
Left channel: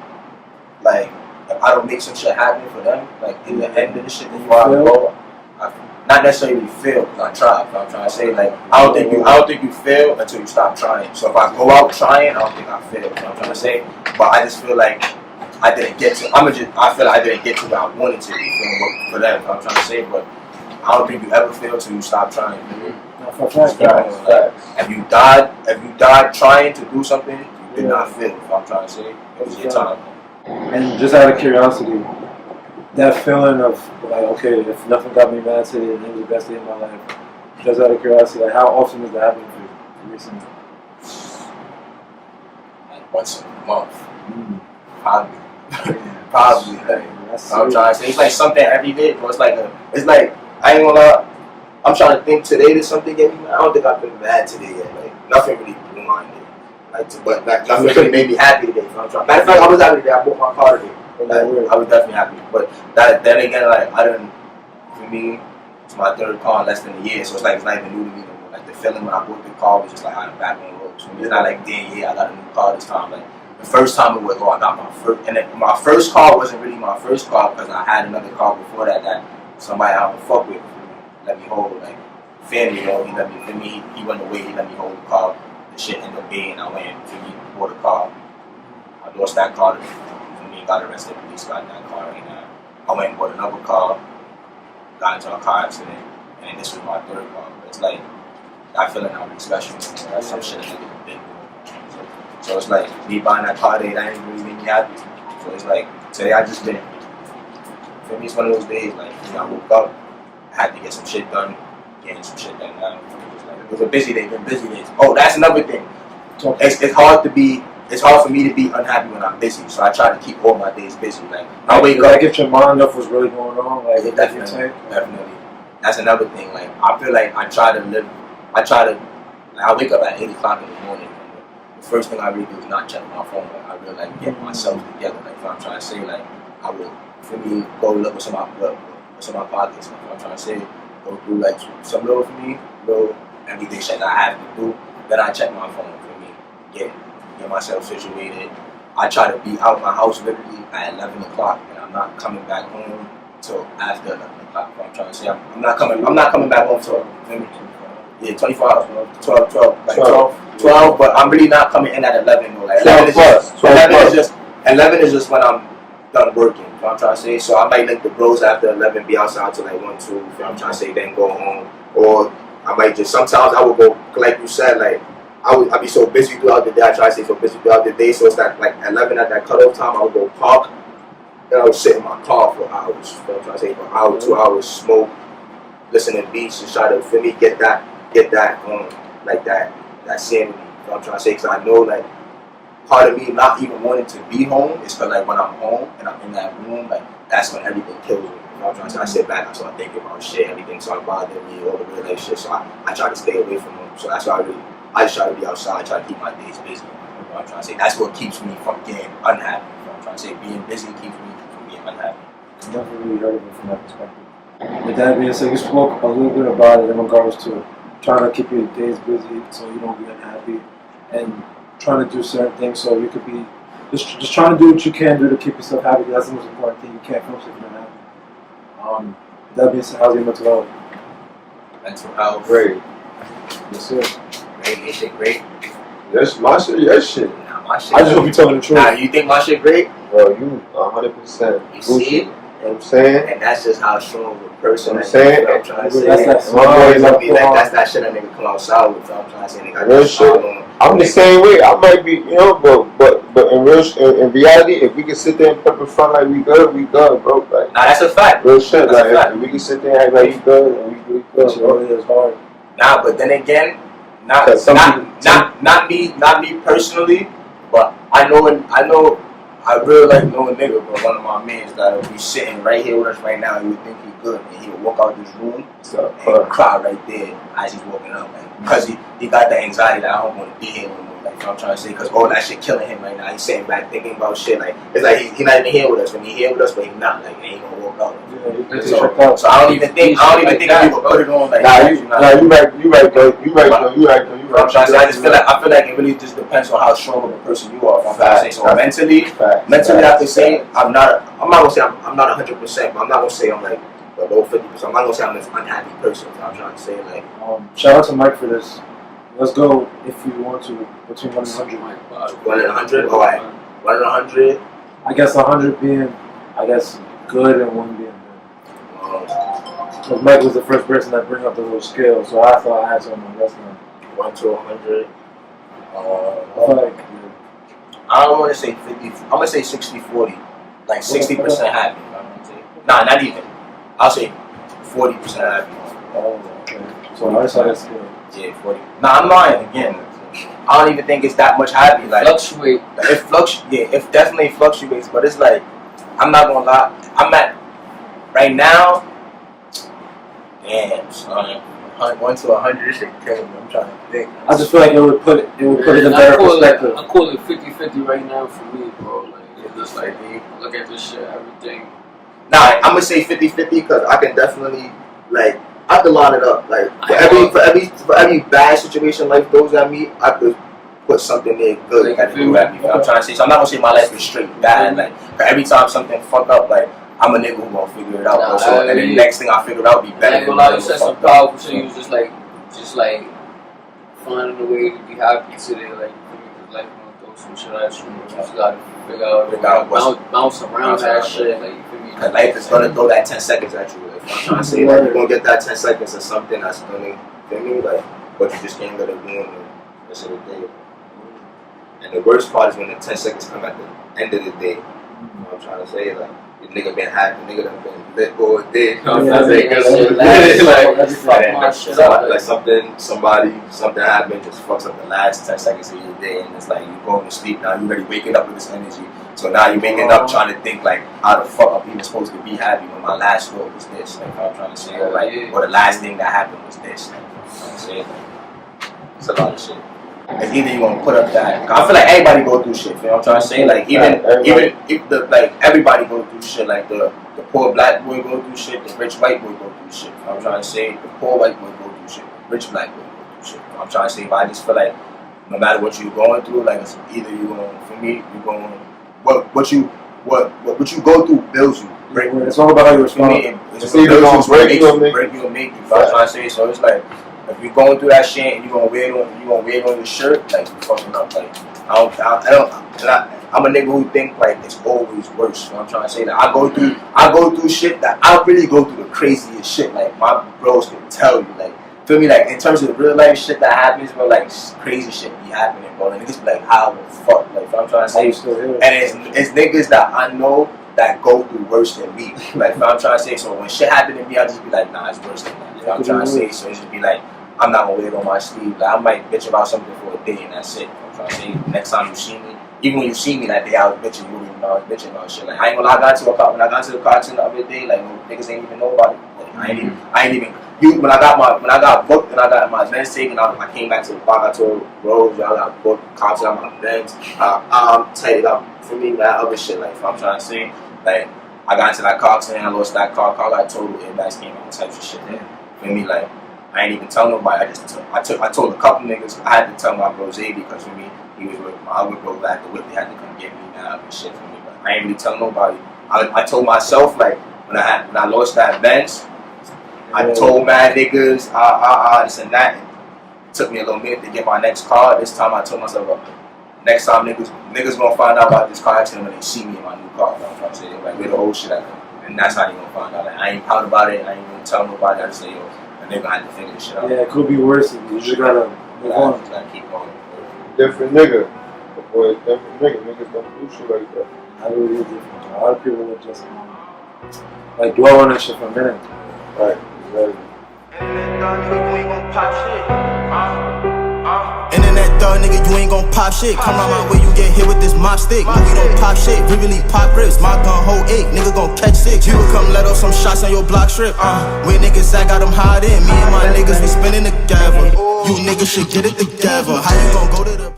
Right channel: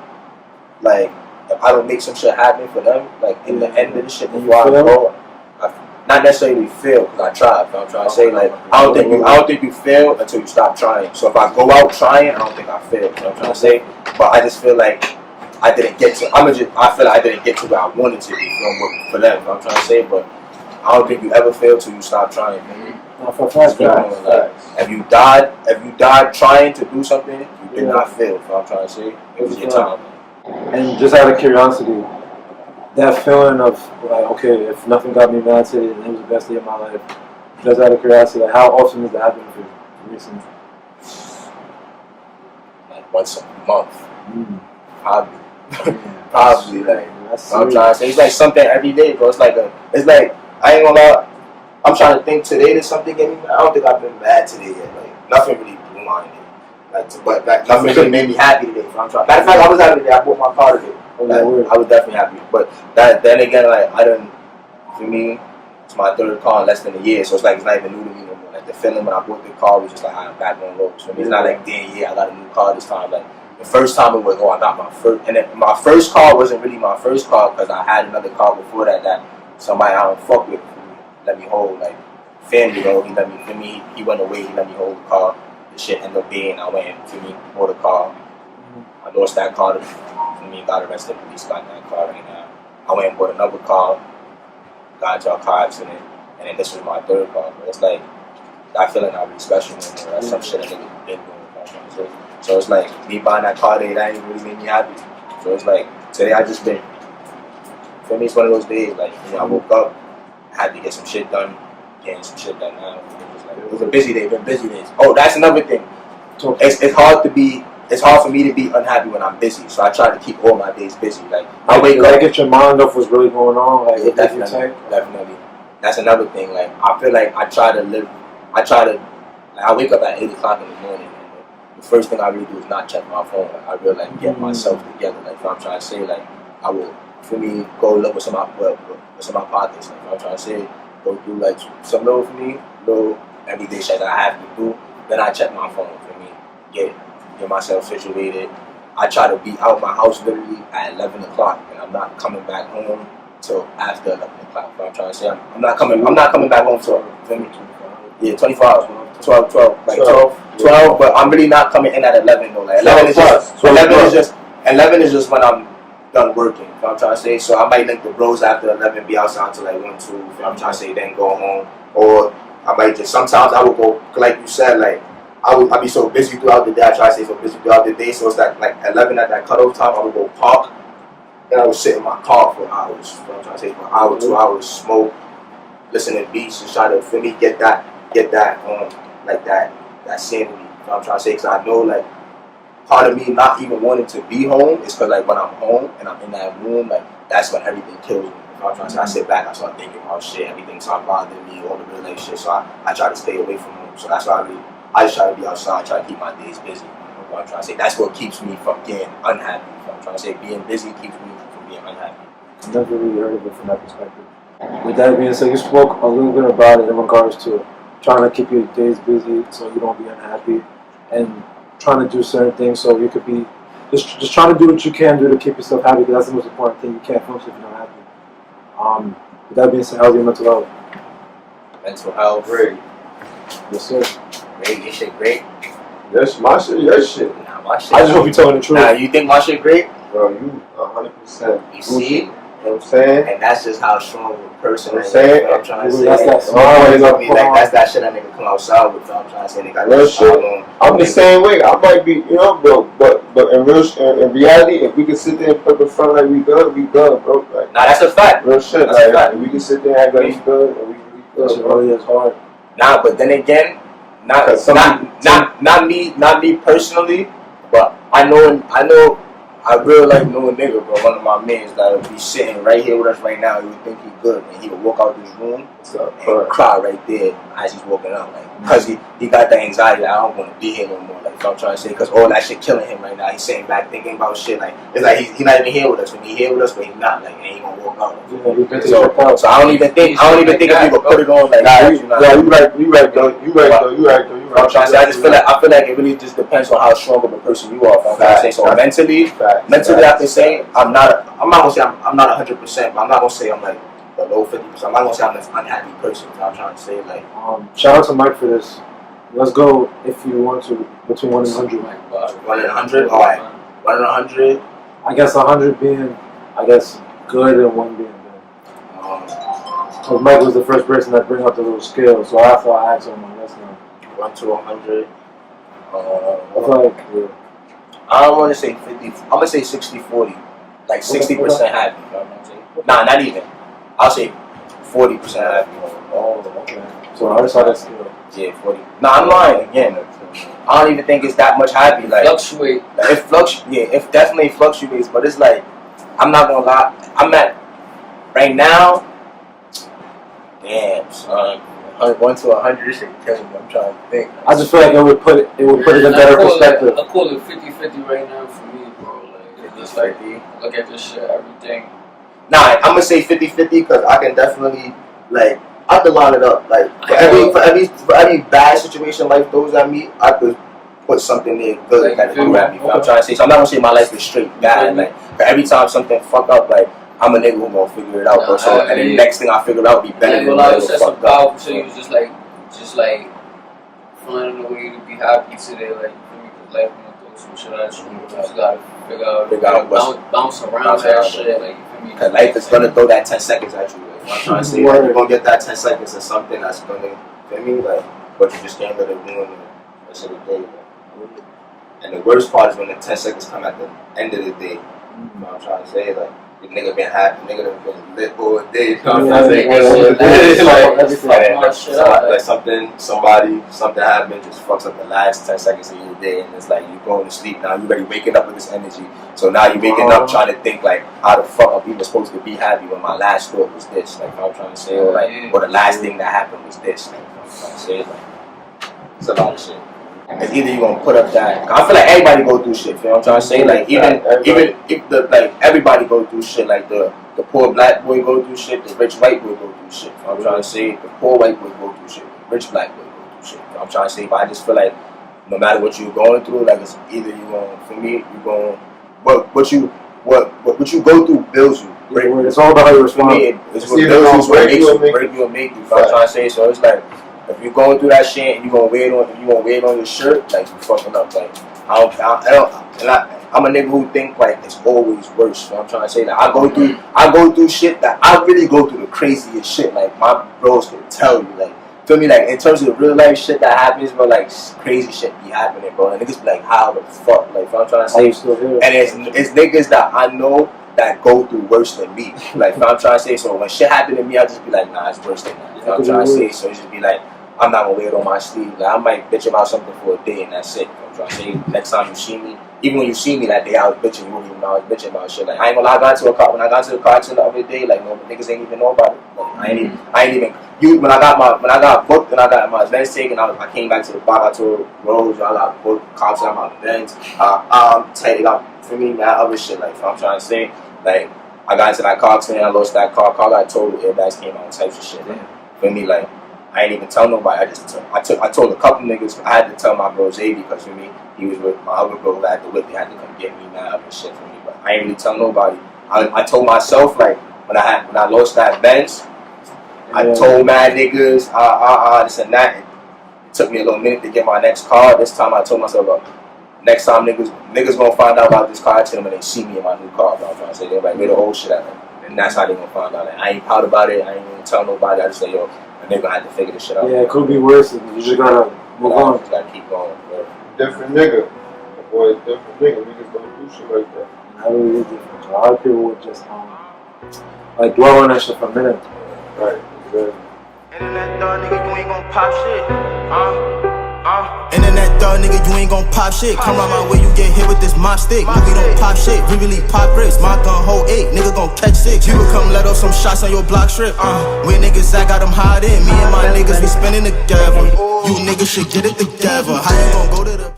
if I don't make some shit happen for them, like in the end of the shit before I go. Not necessarily fail because I tried. I'm trying to say like I don't think you fail until you stop trying. So if I go out trying, I don't think I failed. You know what I'm trying to say? But I just feel like I didn't get to. I feel like I didn't get to where I wanted to be for them. You know what I'm trying to say? But I don't think you ever fail till you stop trying. If you died trying to do something, you did not fail. You know what I'm trying to say? It was your time. And just out of curiosity, that feeling of like, okay, if nothing got me mad today and it was the best day of my life, just out of curiosity, like how often does that happen for you recently? Like once a month. Probably like I'm trying to say it's like something every day, bro. It's like I ain't gonna lie, I'm trying to think today that something get me mad. I don't think I've been mad today yet. Like nothing really blew my day. But nothing really made me happy today. I'm trying. Matter of fact, I was happy today. I bought my car today. Like, I was definitely happy, but then again, like for me, it's my third car in less than a year, so it's like it's not even new to me no more. Like the feeling when I bought the car was just like I'm back on road. So it's not like damn, I got a new car this time. Like the first time it was I got my first, and then my first car wasn't really my first car because I had another car before that somebody I don't fuck with let me hold, like family though. He let me. He went away. He let me hold the car. The shit ended up being I went bought a car. I lost that car. Got arrested, police got that car right now. I went and bought another car, got into a car accident, and then this was my third car. But it's like, that feeling not really special anymore. That's some shit a nigga been doing. So it's like, me buying that car today, that ain't really made me happy. So it's like, today I just been, for me it's one of those days, like, I woke up, I had to get some shit done, getting some shit done now. It was a busy day, been busy days. Oh, that's another thing. It's hard for me to be unhappy when I'm busy, so I try to keep all my days busy. Like I wake up, get your mind off what's really going on. Like yeah, definitely. That's another thing. Like I feel like I wake up at 8 o'clock in the morning, and the first thing I really do is not check my phone. Like I really get myself together. Like if I'm trying to say, like I will, for me, go look what's in my pockets. Like I'm trying to say, go through like some little for me, little everyday shit that I have to do. Then I check my phone for me, get myself situated. I try to be out my house literally at 11 o'clock, and I'm not coming back home till after 11 o'clock. I'm trying to say I'm not coming back home till 24 hours, 12, but I'm really not coming in at 11 though. Like 11 is just when I'm done working. You know what I'm trying to say? So I might link the bros after 11, be outside till like 1, 2. You know what I'm trying to say? Then go home, or I might just sometimes I will go like you said, like. I be so busy throughout the day. I try to stay so busy throughout the day. So it's like 11 at that cutoff time. I would go park and I would sit in my car for hours. You know what I'm trying to say? For an hour, 2 hours, smoke, listen to beats, and try to, for me, get that like that sanity. You know what I'm trying to say? Because I know, like, part of me not even wanting to be home is because, like, when I'm home and I'm in that room, like, that's when everything kills me. You know what I'm trying to say? I sit back, I start thinking about shit, everything starts bothering me, all the real life shit. So I try to stay away from home. So that's why I just try to be outside, try to keep my days busy. You know what I'm trying to say? That's what keeps me from getting unhappy. You know what I'm trying to say? Being busy keeps me from being unhappy. I've never really heard of it from that perspective. With that being said, you spoke a little bit about it in regards to trying to keep your days busy so you don't be unhappy, and trying to do certain things so you could be just trying to do what you can do to keep yourself happy, because that's the most important thing. You can't function if you're not happy. With that being said, how's your mental health? Mental health. Great. Yes, sir. Great. Your shit great? That's my shit, your shit. Nah, my shit. I just hope you're telling the truth. Nah, you think my shit great? Bro, you 100%. You see? You know what I'm saying? And that's just how strong of a person I'm I am. saying? You know what I'm trying to say? That's that My boys Like, up that's that shit that nigga come outside with. You know what I'm trying to say? They got Real that shit. style on. I'm the same way. I might be, you know, but in reality, if we can sit there and put the front like we good, bro. Like, Nah, that's a fact. real shit. That's Like, a fact. if we can sit there and act like we good and we really It's good, bro. really is hard. Nah, but then again, not me personally, but I really like know a nigga, bro. One of my mans that would be sitting right here with us right now. He would think he good, and he would walk out this room and he would cry right there as he's walking out, like, because he got that anxiety that I don't want to be here no more. Like, so I'm trying to say, because all that shit killing him right now. He's sitting back thinking about shit. Like, it's like he's not even here with us. When he here with us, but he's not. Like, and he gonna walk out. So I don't even think if we could put it on like. Nah, you right though. I'm trying to say, I feel like it really just depends on how strong of a person you are. If I'm trying to say, so mentally, I can say I'm not gonna say I'm not 100%, but I'm not gonna say I'm like below 50%. I'm not gonna say I'm an unhappy person. I'm trying to say, like, shout out to Mike for this. Let's go, if you want to, between 1 and 100. 1 and 100. All right, 1 and 100. I guess 100 being, good, and 1 being good. Because Mike was the first person that bring up the little scale, so I thought I had something that's not. 1 to 100. I feel like, yeah. I don't want to say 50. I'm gonna say 60-40. Like 60% happy. You know what I'm saying? Nah, not even. I'll say 40% happy. Oh, okay. So I just had a scale. Yeah, 40. Nah, I'm lying again. I don't even think it's that much happy. Like, Fluctuate. It definitely fluctuates, but it's like, I'm not gonna lie. I'm at right now. Damn, son. 1 to 100. This shit killing me. I'm trying to think. I just feel like it would put it in better perspective. I call it 50-50 right now for me, bro. Like, it's just like, look at this shit, everything. Nah, I'm gonna say 50-50 because I can definitely, like, I could line it up. Like, for every bad situation life throws at me, I could put something there good Like, that do at me. I'm trying to say, so I'm not gonna say my life is straight bad. Like, for every time something fuck up, like, I'm a nigga who gonna figure it out, bro. So, and the next thing I figure out be better than I said some fucked powerful up. shit. He was just like finding a way to be happy today. Like, for me, because life gonna throw some shit at you. You just gotta figure out bounce around that shit. Like, for me, because life is gonna throw that 10 seconds at you. Like, I'm trying to say, like, you're gonna get that 10 seconds of something that's gonna, for me, like, but you just can't let it ruin the rest of the day. Like. And the worst part is when the 10 seconds come at the end of the day. You know what I'm trying to say? Like, the nigga been happy, the nigga done been lit all day. You know what I'm saying? Something happened, just fucks up the last 10 seconds of your day, and it's like you going to sleep now, you already waking up with this energy. So now you waking up trying to think like, how the fuck I'm even supposed to be happy when my last thought was this? Like, I'm trying to say, or like, or the last thing that happened was this. Like, I'm trying to say, like, it's a lot of shit. It's either you gonna put up that. I feel like everybody go through shit. You know what I'm trying to say? Like, even if the, like, everybody go through shit. Like, the poor black boy go through shit. The rich white boy go through shit. You know what I'm trying to say? The poor white boy go through shit. The rich black boy go through shit. You know what I'm trying to say? But I just feel like no matter what you're going through, like, it's either you going. For me, you going. What you go through builds you. It's all about how you respond. For me, it's what builds you, break you or make you. You know what I'm trying to say? So it's like, if you're going through that shit and you gonna wear it on your shirt, like, you fucking up. Like, I'm a nigga who think like it's always worse. You know what I'm trying to say? That I go through shit that I really go through the craziest shit. Like, my bros can tell you, like, feel me? Like, in terms of real life shit that happens, bro, like, crazy shit be happening, bro. And niggas be like, how the fuck? Like, you know what I'm trying to say? And it's niggas that I know that go through worse than me. Like, if I'm trying to say, so when shit happen to me, I'll just be like, nah, it's worse than that. If I'm trying to say, so it just be like, I'm not gonna wear it on my sleeve. Like, I might bitch about something for a day and that's it. I'm trying to say, next time you see me, even when you see me that day, I was bitching, you wouldn't even know I was bitching about shit. Like, I ain't gonna lie, when I got to the car the other day, like, no niggas ain't even know about it. Like, I ain't even when I got booked and I got my Benz taken, I came back to the block, I told Rose, I got booked, cops got my Benz, tightened up for me, man, other shit. Like, if I'm trying to say, like, I got into that car today, I lost that car got total, airbags came out, types of shit. Like, for me, like, I ain't even tell nobody. I told a couple niggas. I had to tell my bro Zay because for me, he was with my other bro at the whip. They had to come get me, man, and shit for me. But I ain't really tell nobody. I told myself, like, when I lost that Benz, I told mad niggas, this and that. It took me a little minute to get my next car. This time I told myself, next time niggas gonna find out about this car. I tell them when they see me in my new car. I'm trying to say, they're like, where the whole shit at? And that's how they gonna find out. Like, I ain't proud about it. I ain't even tell nobody. I just say, yo. And they're gonna have to figure this shit out. Yeah, it could be worse. You just gotta move on. You just gotta keep going, bro. Different nigga. The boy, different nigga. Niggas don't do shit like that. I really different. A lot of people would just like dwell on that shit for a minute. Right, exactly. Internet dog, nigga, you ain't gon' pop shit. Internet dog, nigga, you ain't gon' pop shit. Come around my way, you get hit with this mop stick. We don't pop shit, we really pop grips. My gun hold 8, nigga gon' catch 6. You would come let off some shots on your block strip. Where niggas I got them hide in. Me and my niggas, we spinning together. You niggas should get it together. How you gon' go to the